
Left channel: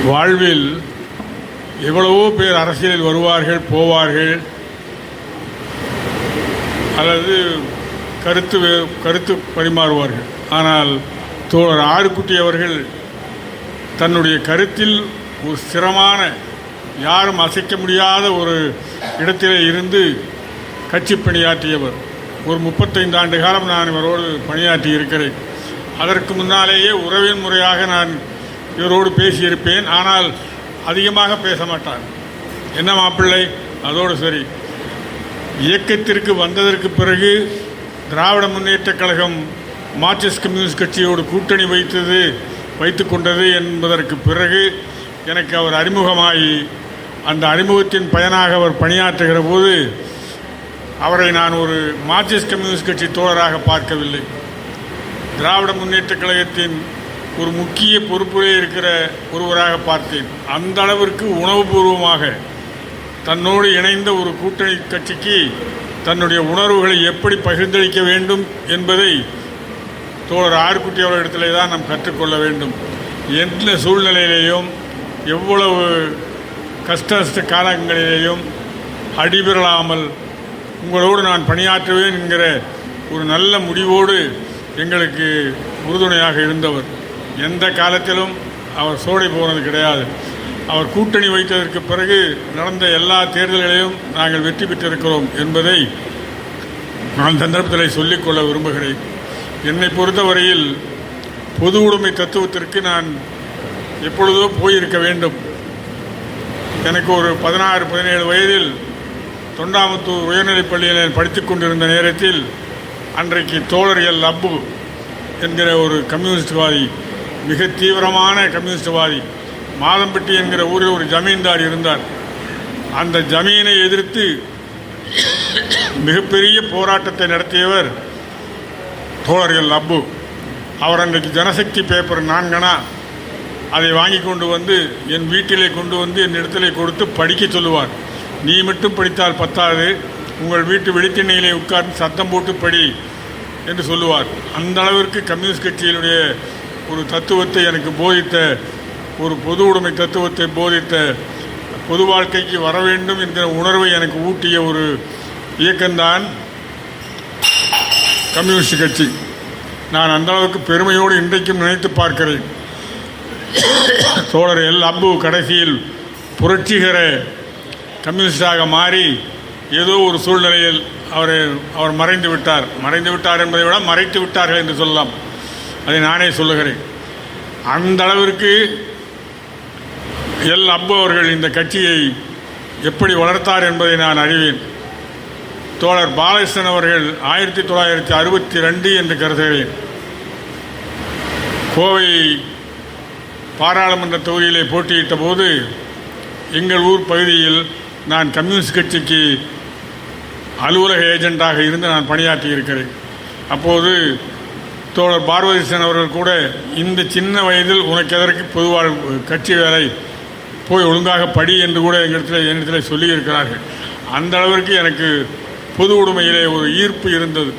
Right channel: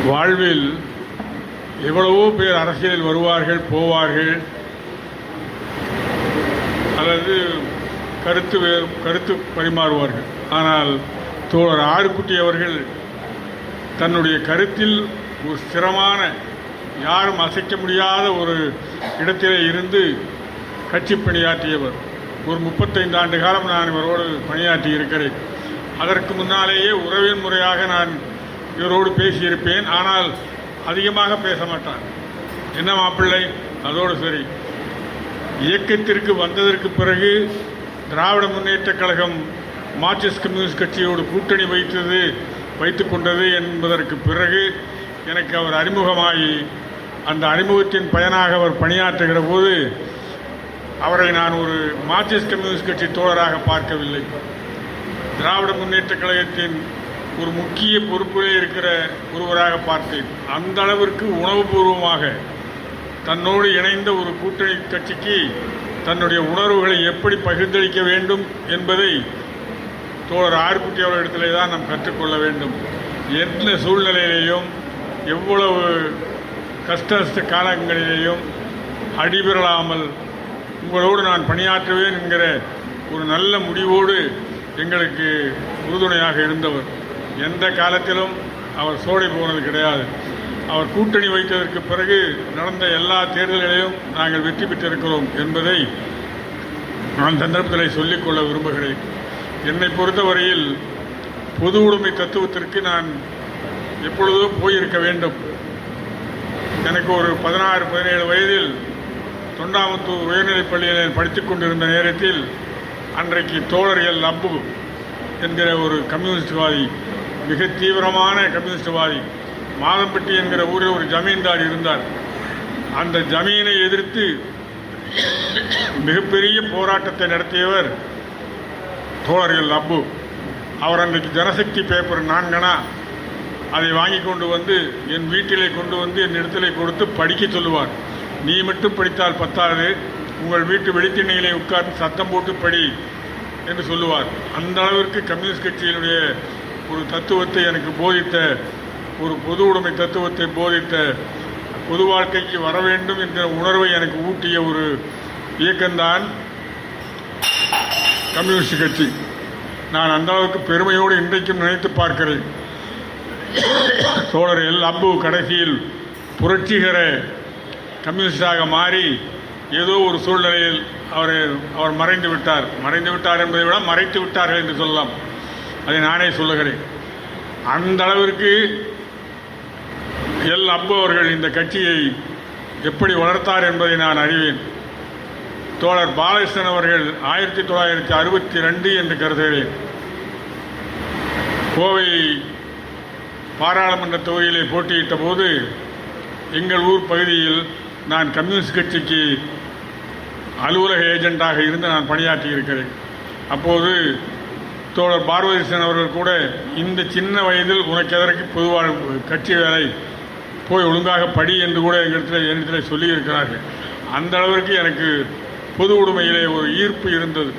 வாழ்வில் எவ்வளவோ பேர் அரசியலில் வருவார்கள், போவார்கள், அல்லது கருத்து பரிமாறுவார்கள். ஆனால் தோழர் ஆறுக்குட்டி அவர்கள் தன்னுடைய கருத்தில் ஒரு ஸ்திரமான, யாரும் அசைக்க முடியாத ஒரு இடத்திலே இருந்து கட்சி பணியாற்றியவர். ஒரு 35 ஆண்டு காலம் நான் இவரோடு பணியாற்றி இருக்கிறேன். அதற்கு முன்னாலேயே உறவின் முறையாக நான் இவரோடு பேசியிருப்பேன். ஆனால் அதிகமாக பேச மாட்டார். என்ன மாப்பிள்ளை, அதோடு சரி. இயக்கத்திற்கு வந்ததற்கு பிறகு திராவிட முன்னேற்றக் கழகம் மார்க்சிஸ்ட் கம்யூனிஸ்ட் கட்சியோடு கூட்டணி வைத்து கொண்டது என்பதற்கு பிறகு எனக்கு அவர் அறிமுகமாகி, அந்த அறிமுகத்தின் பயனாக அவர் பணியாற்றுகிற போது அவரை நான் ஒரு மார்க்சிஸ்ட் கம்யூனிஸ்ட் கட்சி தோழராக பார்க்கவில்லை. திராவிட முன்னேற்றக் கழகத்தின் ஒரு முக்கிய பொறுப்பிலே இருக்கிற ஒருவராக பார்த்தேன். அந்த அளவிற்கு உணவுபூர்வமாக தன்னோடு இணைந்த ஒரு கூட்டணி கட்சிக்கு தன்னுடைய உணர்வுகளை எப்படி பகிர்ந்தளிக்க வேண்டும் என்பதை தோழர் ஆறுக்குட்டி அவர்களிடத்திலே தான் நாம் கற்றுக்கொள்ள வேண்டும். எந்த சூழ்நிலையிலேயும், எவ்வளவு கஷ்ட காலங்களிலேயும் அடிபெறலாமல் உங்களோடு நான் பணியாற்றுவேன் என்கிற ஒரு நல்ல முடிவோடு எங்களுக்கு உறுதுணையாக இருந்தவர். எந்த காலத்திலும் அவர் சோடை போனது கிடையாது. அவர் கூட்டணி வைத்ததற்கு பிறகு நடந்த எல்லா தேர்தல்களையும் நாங்கள் வெற்றி பெற்றிருக்கிறோம் என்பதை நான் சந்தர்ப்பத்தில் சொல்லிக்கொள்ள விரும்புகிறேன். என்னை பொறுத்தவரையில் பொது உடைமை தத்துவத்திற்கு நான் எப்பொழுதோ போயிருக்க வேண்டும். எனக்கு ஒரு 16-17 வயதில் தொண்டாமுத்தூர் உயர்நிலைப் பள்ளியில் படித்துக் கொண்டிருந்த நேரத்தில் அன்றைக்கு தோழர் எல் அப்பு என்கிற ஒரு கம்யூனிஸ்ட்வாதி, மிக தீவிரமான கம்யூனிஸ்ட்வாதி, மாதம்பட்டி என்கிற ஊரில் ஒரு ஜமீன்தார் இருந்தார். அந்த ஜமீனை எதிர்த்து மிகப்பெரிய போராட்டத்தை நடத்தியவர் தோழர் எல் அப்பு. அவர் அன்றைக்கு ஜனசக்தி பேப்பர் 4 அதை வாங்கி கொண்டு வந்து என் வீட்டிலே கொண்டு வந்து என் இடத்திலே கொடுத்து படிக்க சொல்லுவார். நீ மட்டும் படித்தால் பத்தாது, உங்கள் வீட்டு வெளித்திண்ணையிலே உட்கார்ந்து சத்தம் போட்டு படி என்று சொல்லுவார். அந்த அளவிற்கு கம்யூனிஸ்ட் கட்சியினுடைய ஒரு தத்துவத்தை எனக்கு போதித்த, ஒரு பொது உடைமை தத்துவத்தை போதித்த, பொது வாழ்க்கைக்கு வர வேண்டும் என்கிற உணர்வை எனக்கு ஊட்டிய ஒரு இயக்கம்தான் கம்யூனிஸ்ட் கட்சி. நான் அந்த அளவுக்கு பெருமையோடு இன்றைக்கும் நினைத்து பார்க்கிறேன். தோழர் எல் அப்பு கடைசியில் புரட்சிகர கம்யூனிஸ்டாக மாறி ஏதோ ஒரு சூழ்நிலையில் அவர் மறைந்து விட்டார் என்பதை விட மறைத்து விட்டார்கள் என்று சொல்லலாம். அதை நானே சொல்லுகிறேன். அந்த அளவிற்கு எல் அப்பு அவர்கள் இந்த கட்சியை எப்படி வளர்த்தார் என்பதை நான் அறிவேன். தோழர் பாலகிருஷ்ணன் அவர்கள் 1962 என்று கருதுகிறேன், கோவை பாராளுமன்ற தொகுதியிலே போட்டியிட்ட போது எங்கள் ஊர் பகுதியில் நான் கம்யூனிஸ்ட் கட்சிக்கு அலுவலக ஏஜெண்டாக இருந்து நான் பணியாற்றி இருக்கிறேன். அப்போது தோழர் பாரதிசன் அவர்கள் கூட இந்த சின்ன வயதில் உனக்கு எதற்கு பொதுவாழ் கட்சி வேலை, போய் ஒழுங்காக படி என்று கூட என்னிடத்தில் சொல்லியிருக்கிறார்கள். அந்த அளவிற்கு எனக்கு பொது உடைமையிலே ஒரு ஈர்ப்பு இருந்தது.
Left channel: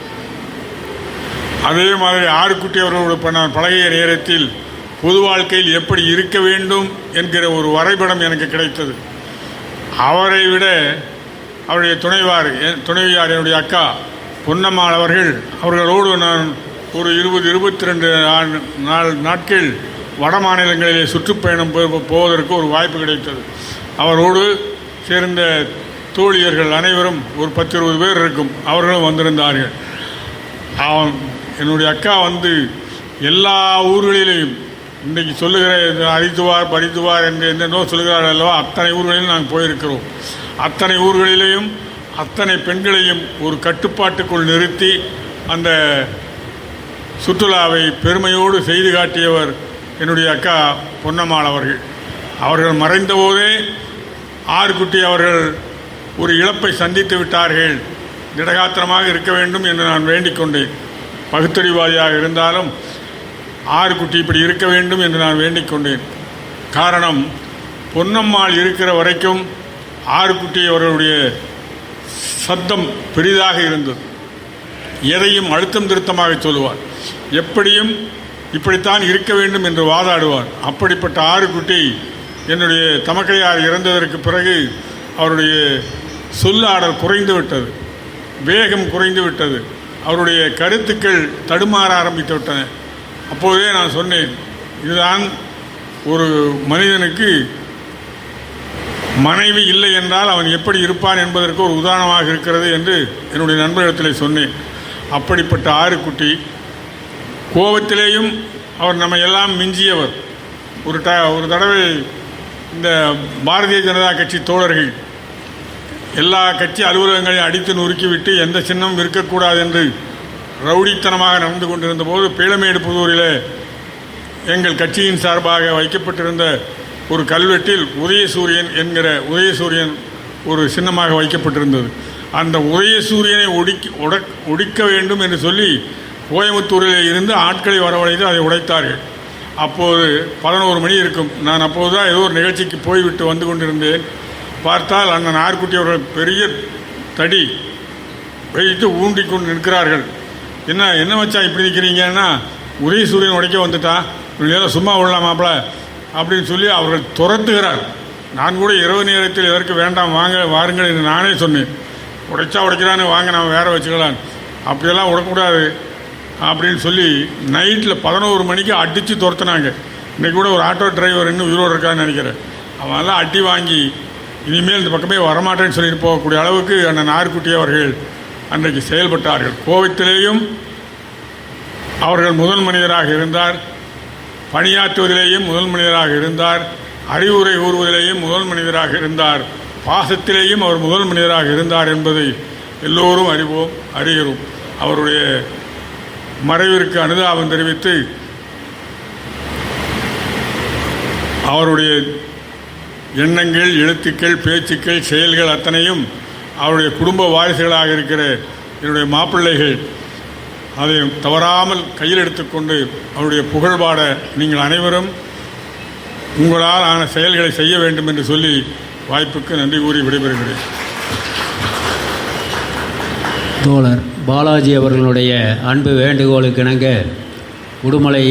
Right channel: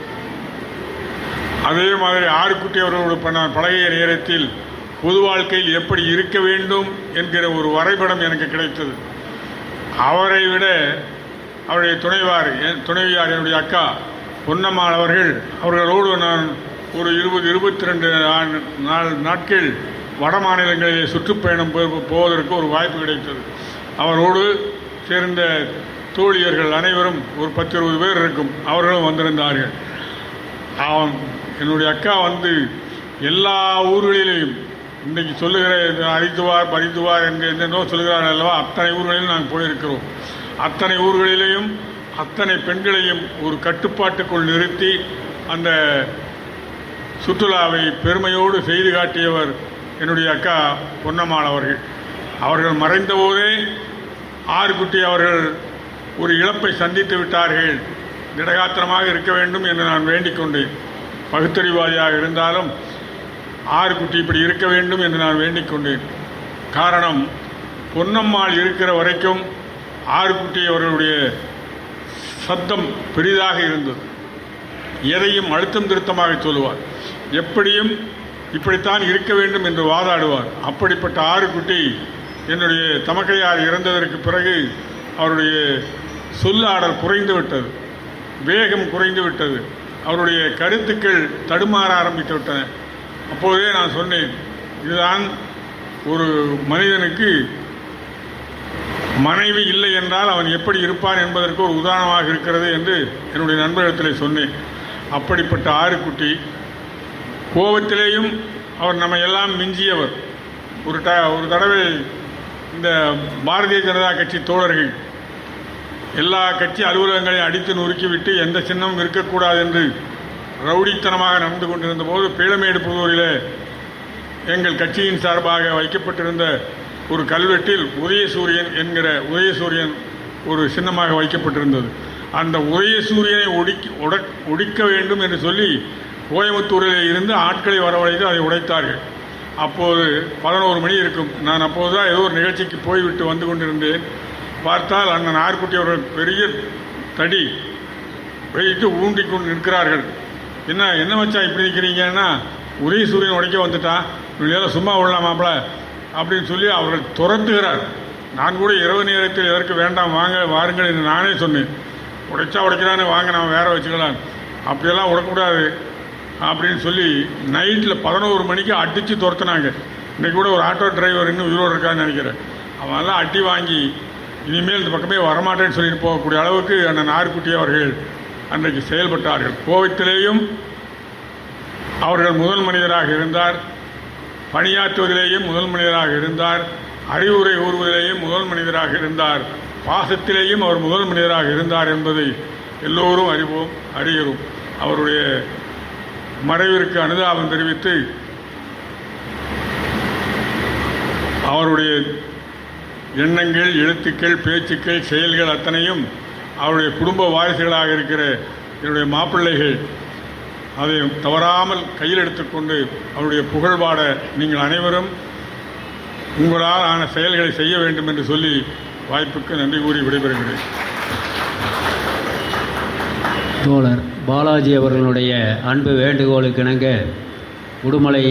அதே மாதிரி ஆறுக்குட்டி அவர்களோடு நான் பழகிய நேரத்தில் பொது வாழ்க்கையில் எப்படி இருக்க வேண்டும் என்கிற ஒரு வரைபடம் எனக்கு கிடைத்தது. அவரை விட அவருடைய துணைவியார் என்னுடைய அக்கா பொன்னம்மாள் அவர்களோடு நான் ஒரு 20-22 நாட்கள் வட மாநிலங்களிலே சுற்றுப்பயணம் போவதற்கு ஒரு வாய்ப்பு கிடைத்தது. அவரோடு சேர்ந்த தோழியர்கள் அனைவரும் ஒரு 10-20 பேர் இருக்கும், அவர்களும் வந்திருந்தார்கள். என்னுடைய அக்கா எல்லா ஊர்களிலேயும் இன்றைக்கு சொல்லுகிற அரித்துவார் பரித்துவார் என்று என்னென்னோ சொல்லுகிறார்கள் அல்லவா, அத்தனை ஊர்களிலும் நாங்கள் போயிருக்கிறோம். அத்தனை ஊர்களிலேயும் அத்தனை பெண்களையும் ஒரு கட்டுப்பாட்டுக்குள் நிறுத்தி அந்த சுற்றுலாவை பெருமையோடு செய்து காட்டியவர் என்னுடைய அக்கா பொன்னம்மாள் அவர்கள் மறைந்தபோதே ஆறுக்குட்டி அவர்கள் ஒரு இழப்பை சந்தித்து விட்டார்கள், திடகாத்திரமாக இருக்க வேண்டும் என்று நான் வேண்டிக் கொண்டேன். பகுத்தறிவாதியாக இருந்தாலும் ஆறுக்குட்டி இப்படி இருக்க வேண்டும் என்று நான் வேண்டிக் கொண்டேன். காரணம், பொன்னம்மாள் இருக்கிற வரைக்கும் ஆறுக்குட்டி அவர்களுடைய சப்தம் பெரிதாக இருந்தது. எதையும் அழுத்தம் திருத்தமாக சொல்லுவார், எப்படியும் இப்படித்தான் இருக்க வேண்டும் என்று வாதாடுவார். அப்படிப்பட்ட ஆறுக்குட்டி என்னுடைய தமக்கையார் இறந்ததற்கு பிறகு அவருடைய சொல்லாடல் குறைந்து விட்டது, வேகம் குறைந்து விட்டது, அவருடைய கருத்துக்கள் தடுமாற ஆரம்பித்து விட்டன. அப்போதே நான் சொன்னேன், இதுதான் ஒரு மனிதனுக்கு மனைவி இல்லை என்றால் அவன் எப்படி இருப்பான் என்பதற்கு ஒரு உதாரணமாக இருக்கிறது என்று என்னுடைய நண்பரிடத்தில் சொன்னேன். அப்படிப்பட்ட ஆறுக்குட்டி கோபத்திலேயும் அவர் நம்ம எல்லாம் மிஞ்சியவர். ஒரு தடவை இந்த பாரதிய ஜனதா கட்சி தோழர்கள் எல்லா கட்சி அலுவலகங்களையும் அடித்து நொறுக்கிவிட்டு எந்த சின்னமும் இருக்கக்கூடாது என்று ரவுடித்தனமாக நடந்து கொண்டிருந்த போது பீளமேடு புதூரில் எங்கள் கட்சியின் சார்பாக வைக்கப்பட்டிருந்த ஒரு கல்வெட்டில் உதயசூரியன் ஒரு சின்னமாக வைக்கப்பட்டிருந்தது. அந்த உதயசூரியனை ஒடிக்க வேண்டும் என்று சொல்லி கோயம்புத்தூரில் இருந்து ஆட்களை வரவழைத்து அதை உடைத்தார்கள். அப்போது 11 மணி இருக்கும். நான் அப்போது தான் ஏதோ ஒரு நிகழ்ச்சிக்கு போய்விட்டு வந்து கொண்டிருந்தேன். பார்த்தால் அண்ணன் ஆறுக்குட்டி அவர்கள் பெரிய தடி வைத்து ஊண்டி கொண்டு நிற்கிறார்கள். என்ன வச்சா இப்படி நிற்கிறீங்கன்னா, உதயசூரியன் உடைக்க வந்துட்டான், இவங்களெல்லாம் சும்மா விடலாமாப்ல அப்படின்னு சொல்லி அவர்கள் துரத்துகிறார். நான் கூட இரவு நேரத்தில் எதற்கு வேண்டாம் வாருங்கள் என்று நானே சொன்னேன். உடைக்கிறானே வாங்க, நம்ம வேற வச்சுக்கலாம், அப்படியெல்லாம் விடக்கூடாது அப்படின்னு சொல்லி நைட்டில் 11 மணிக்கு அடித்து துரத்துனாங்க. இன்றைக்கி கூட ஒரு ஆட்டோ டிரைவர் இன்னும் உயிரோடு இருக்கான்னு நினைக்கிறேன். அவங்கெல்லாம் அடி வாங்கி இனிமேல் இந்த பக்கமே வரமாட்டேன்னு சொல்லிட்டு போகக்கூடிய அளவுக்கு அண்ணன் ஆறுக்குட்டி அவர்கள் அன்றைக்கு செயல்பட்டார்கள். கோபத்திலேயும் அவர்கள் முதல் மனிதராக இருந்தார், பணியாற்றுவதிலேயும் முதல் மனிதராக இருந்தார், அறிவுரை கூறுவதிலேயும் முதல் மனிதராக இருந்தார், பாசத்திலேயும் அவர் முதல் மனிதராக இருந்தார் என்பதை எல்லோரும் அறிகிறோம். அவருடைய மறைவிற்கு அனுதாபம் தெரிவித்து அவருடைய எண்ணங்கள், எழுத்துக்கள், பேச்சுக்கள், செயல்கள் அத்தனையும் அவருடைய குடும்ப வாரிசுகளாக இருக்கிற என்னுடைய மாப்பிள்ளைகள் அதை தவறாமல் கையில் எடுத்துக்கொண்டு அவருடைய புகழ்பாட நீங்கள் அனைவரும் உங்களால் ஆன செயல்களை செய்ய வேண்டும் என்று சொல்லி வாய்ப்புக்கு நன்றி கூறி விடைபெறுகிறேன். தோழர் பாலாஜி அவர்களுடைய அன்பு வேண்டுகோளுக்கு இணங்க உடுமலை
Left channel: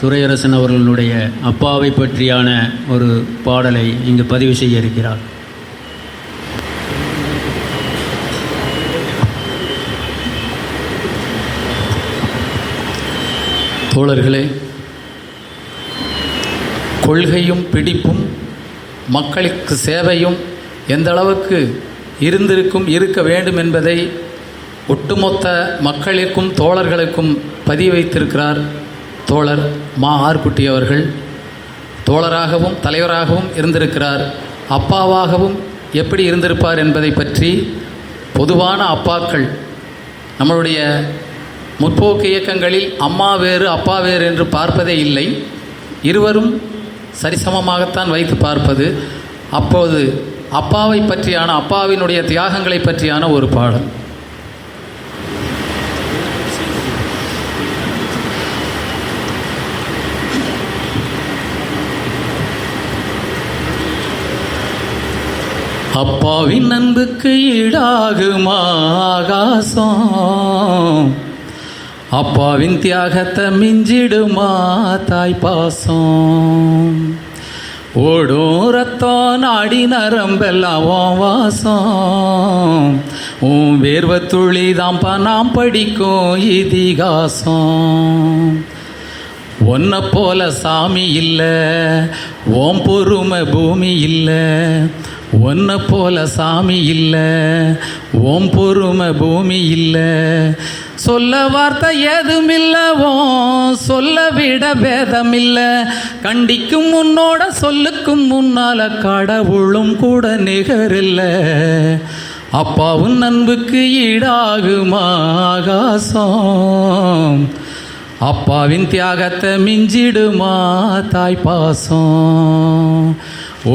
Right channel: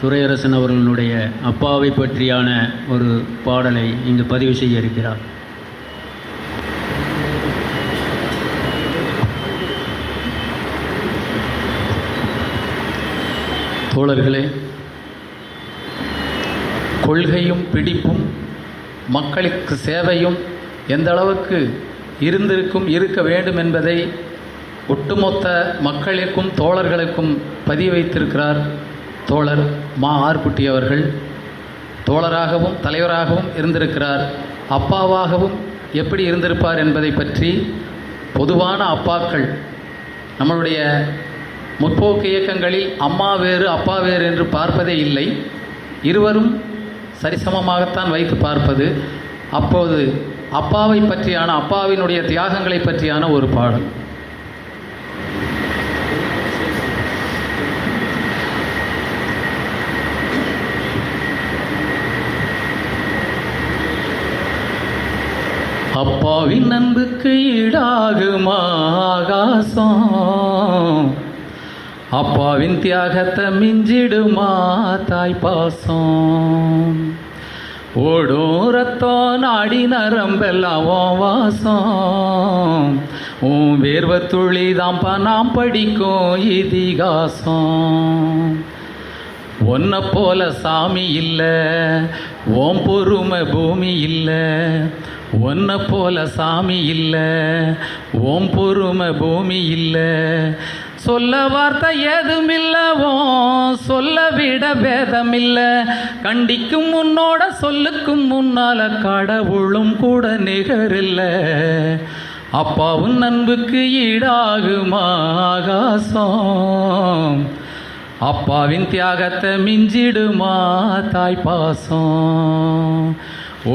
துரையரசன் அவர்களுடைய அப்பாவை பற்றியான ஒரு பாடலை இங்கு பதிவு செய்ய இருக்கிறார். தோழர்களே, கொள்கையும் பிடிப்பும் மக்களுக்கு சேவையும் எந்த அளவுக்கு இருக்க வேண்டும் என்பதை ஒட்டுமொத்த மக்களிற்கும் தோழர்களுக்கும் பதிய வைத்திருக்கிறார் தோழர் ஆறுக்குட்டி அவர்கள். தோழராகவும் தலைவராகவும் இருந்திருக்கிறார். அப்பாவாகவும் எப்படி இருந்திருப்பார் என்பதை பற்றி பொதுவான அப்பாக்கள் நம்மளுடைய முற்போக்கு இயக்கங்களில் அம்மா வேறு அப்பா வேறு என்று பார்ப்பதே இல்லை. இருவரும் சரிசமமாகத்தான் வைத்து பார்ப்பது. அப்போது அப்பாவை பற்றியான, அப்பாவினுடைய தியாகங்களை பற்றியான ஒரு பாடல். அப்பாவின் அன்புக்கு ஈடாகுமா ஆகாசம், அப்பாவின் தியாகத்தை மிஞ்சிடுமா தாய் பாசம். ஓடும் ரத்தம் நாடி நரம்பெல்லாம் உன் வாசம், உன் வேர்வை துளி தான்ப்பா நாம் படிக்கும் இதிகாசம். ஒன்றை போல சாமி இல்லை, ஓம் பொறுமை பூமி இல்லை. ஒன்றை போல சாமி இல்லை, ஓம் பொறுமை பூமி இல்லை. சொல்ல வார்த்தை ஏதுமில்லவோ, சொல்ல விட பேதமில்லை. கண்டிக்கும் முன்னோட சொல்லுக்கும் முன்னால கடவுளும் கூட நிகரில்லை. அப்பாவும் அன்புக்கு ஈடாகுமா ஆகாசம், அப்பாவின் தியாகத்தை மிஞ்சிடுமா தாய் பாசம்.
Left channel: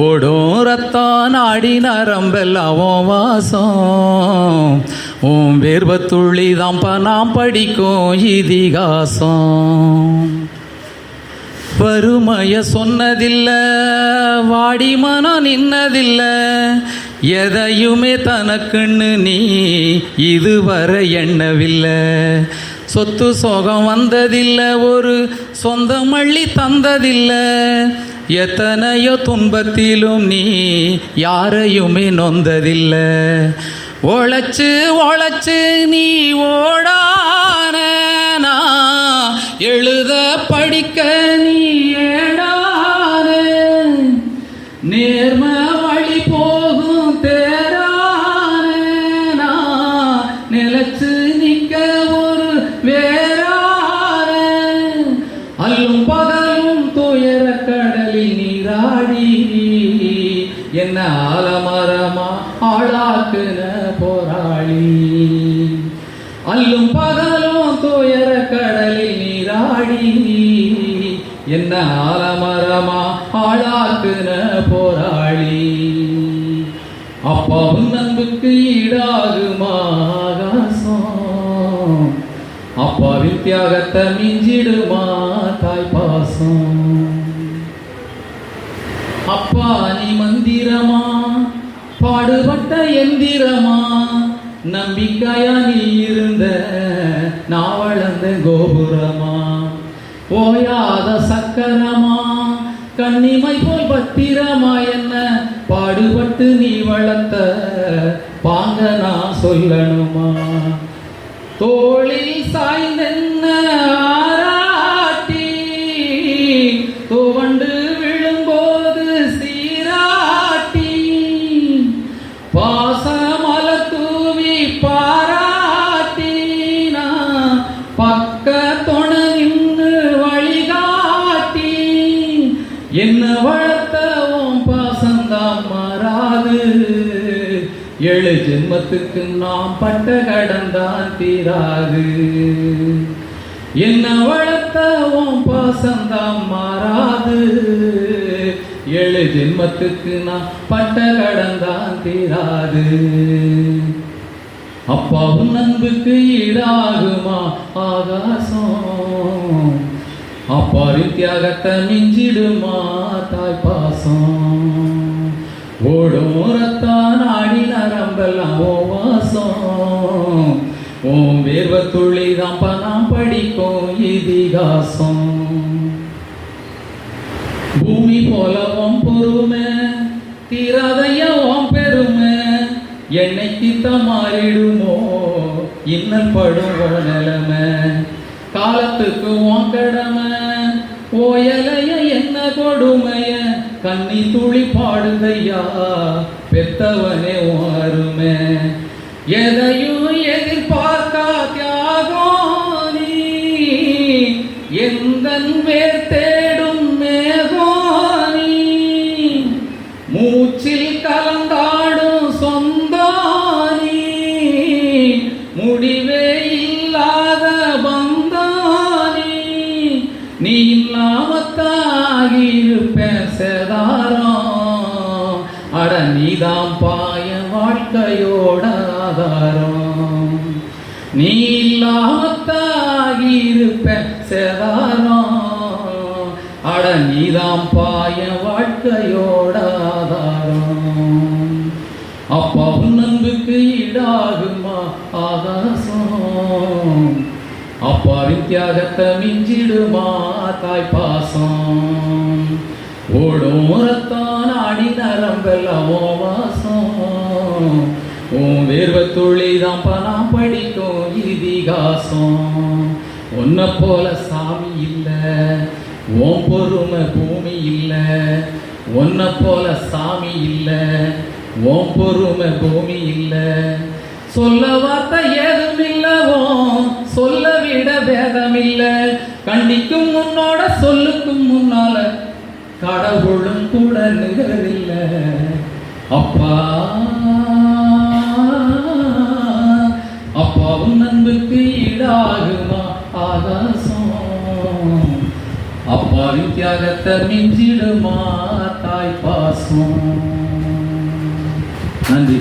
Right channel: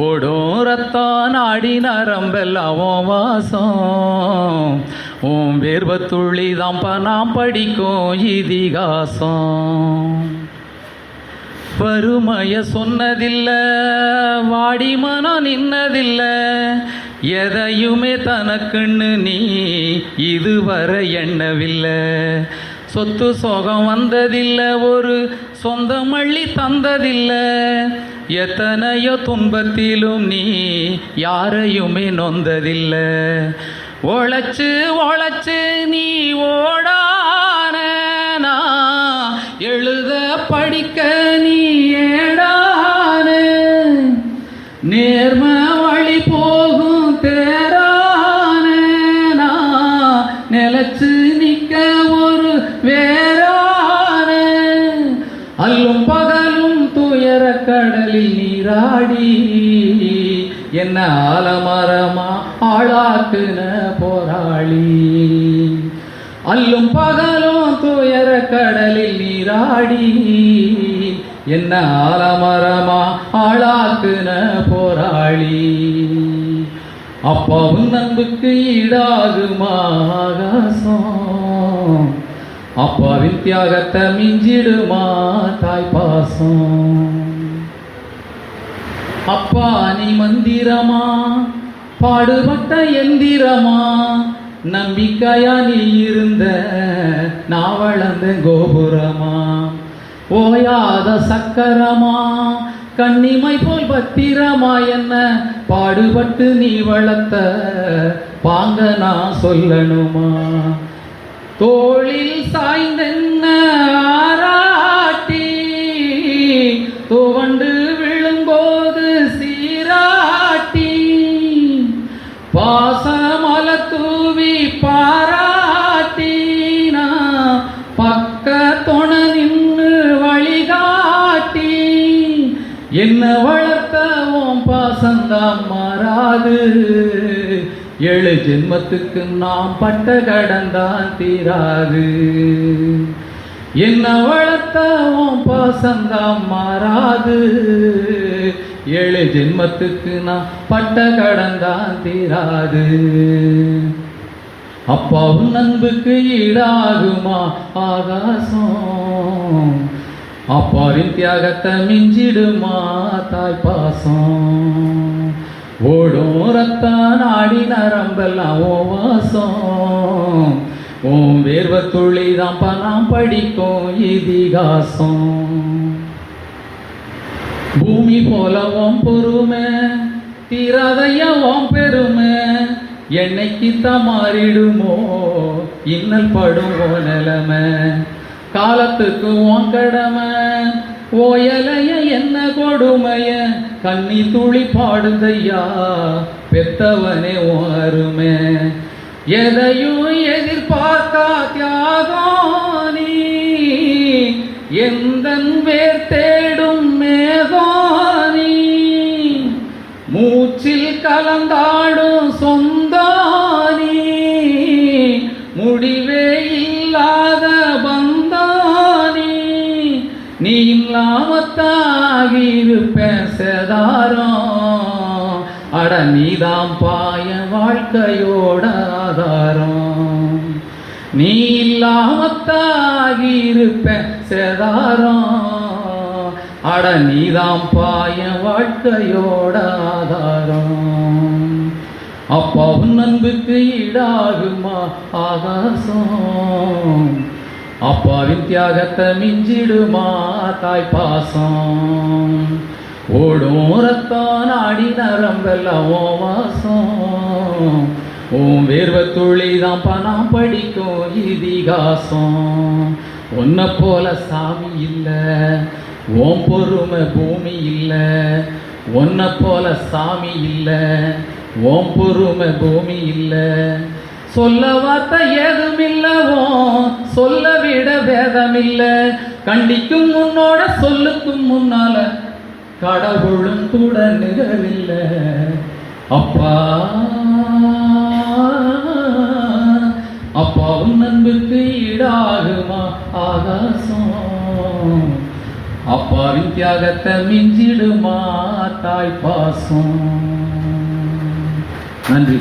ஓடும் ரத்தம் நாடி நரம்பெல்லாம் வாசம், உன் வேர்வை துளி தான்ப்பா நாம் படிக்கும் இதிகாசம். வறுமைய சொன்னதில்லை, வாடி மனம் நின்னதில்லை. எதையுமே தனக்குன்னு நீ இதுவரை எண்ணவில்லை. சொத்து சோகம் வந்ததில்லை, ஒரு சொந்த மள்ளி தந்ததில்லை. எத்தனையோ துன்பத்திலும் நீ யாரையுமே நொந்ததில்லை. உழைச்சு உழைச்சு நீ ஓடான, எழுத படிக்க நீ ஏடான. நேர்ம வழி போகும் தேரான, நிலச்சு நிற்க ஒரு வேறான. அல்லும் பகலும் துயர கடலில் நீராடி, என்ன ஆலமரமா ஆளாக்குன போராளி. அல்லும் பகலும் துயர கடலில் நீராடி, என்ன ஆலமரமா ஆளாக்குன போராளி. அப்பாவும் அன்புக்கு ஈடாகுமா ஆகாசம், அப்பாவின் தியாகத்தை மிஞ்சிடுமா தாய் பாசம். அப்பா நீ மந்திரமா, பாடுபட்ட எந்திரமா. நம்பிக்கையா நீ இருந்த நான் வளர்ந்த கோபுரமா. ஓயாத சக்கரமா, கண்ணிமை போல் பத்திரமா. என்ன பாடுபட்டு நீ வளர்த்த பாங்க நான் சொல்லணுமா. தோளில் சாய்ந்தென்ன ஆராட்டி, துவண்டு விழும்போது சீராட்டி. பாசமல தூவி பாராட்டி, நான் பக்க தொண நின்று வழிகாட்டி. என்ன வளர்த்தவும் பாசந்தான் மாறாது, 7 ஜென்மத்துக்கு நாம் பட்ட கடந்தான் தீராது. என்ன வளர்த்தவும் பாசந்தான் மாறாது, 7 ஜென்மத்துக்கு நான் பட்ட கடந்தான் தீராது. அப்பாவும் அன்புக்கு ஈடாகுமா ஆகாசம், அப்பாவின் தியாகத்தை மிஞ்சிடுமா தாய் பாசம். ஓடும் ரத்தம் நாடி நரம்பெல்லாம் ஓ வாசம், ஓம் வேர்வை துளி தான்ப்பா நாம் படிக்கும் இதிகாசம். பூமி போல ஓம் பொறுமை, தீராதைய ஓம் பெருமை. என்னைக்கு தான் மாறிடுமோ இன்னல் படும் ஓ நிலைமை. காலத்துக்கு ஓம் கடமை, ஓயலைய என்ன கொடுமைய. கண்ணி துளி பாடுதையா பெத்தவனே ஓ அருமை. எதையும் எதிர்பார்க்கா தியாகம் நீ, எந்தன் வேர் தேடும் மேகோனி. மூச்சில் கலந்தாடும் சொந்தானி, முடிவே இல்லாத பந்தானி. நீ இல்லாமத்தாகிருப்பேன் சேதாரம், நீதாம் பாய வாழ்க்கையோட ஆதாரம், நீ இல்லாமத்தாகி இருப்பேன் சேதாரம். அட நீதாம் பாய வாழ்க்கையோட ஆதாரம். அப்பா உன் அன்புக்கு ஈடாகுமா ஆகாசம், அப்பாவின் தியாகத்தை மிஞ்சிடுமா தாய் பாசம். ஓடும் ரத்தம் நாடி நரம்பெல்லாம் ஓ வாசம், உன் வேர்வை துளிதான் பணம் படிக்கும் இதிகாசம். உன்னை போல சாமி இல்லை, உன் பொறுமை பூமி இல்லை. உன்னை போல சாமி இல்லை, உன் பொறுமை பூமி இல்லை. சொல்ல வார்த்தை ஏதுமில்லவோ, சொல்ல விட வேதமில்லை. கண்டிக்கும் உன்னோட சொல்லுக்கும் முன்னால கடவுளும் கூட நிகழவில்லை. அப்பா அப்பா உன் அன்புக்கு ஈடாகுமா ஆகாசம், அப்பாவின் தியாகத்தை மிஞ்சிடுமா தாய் பாசம். நன்றி.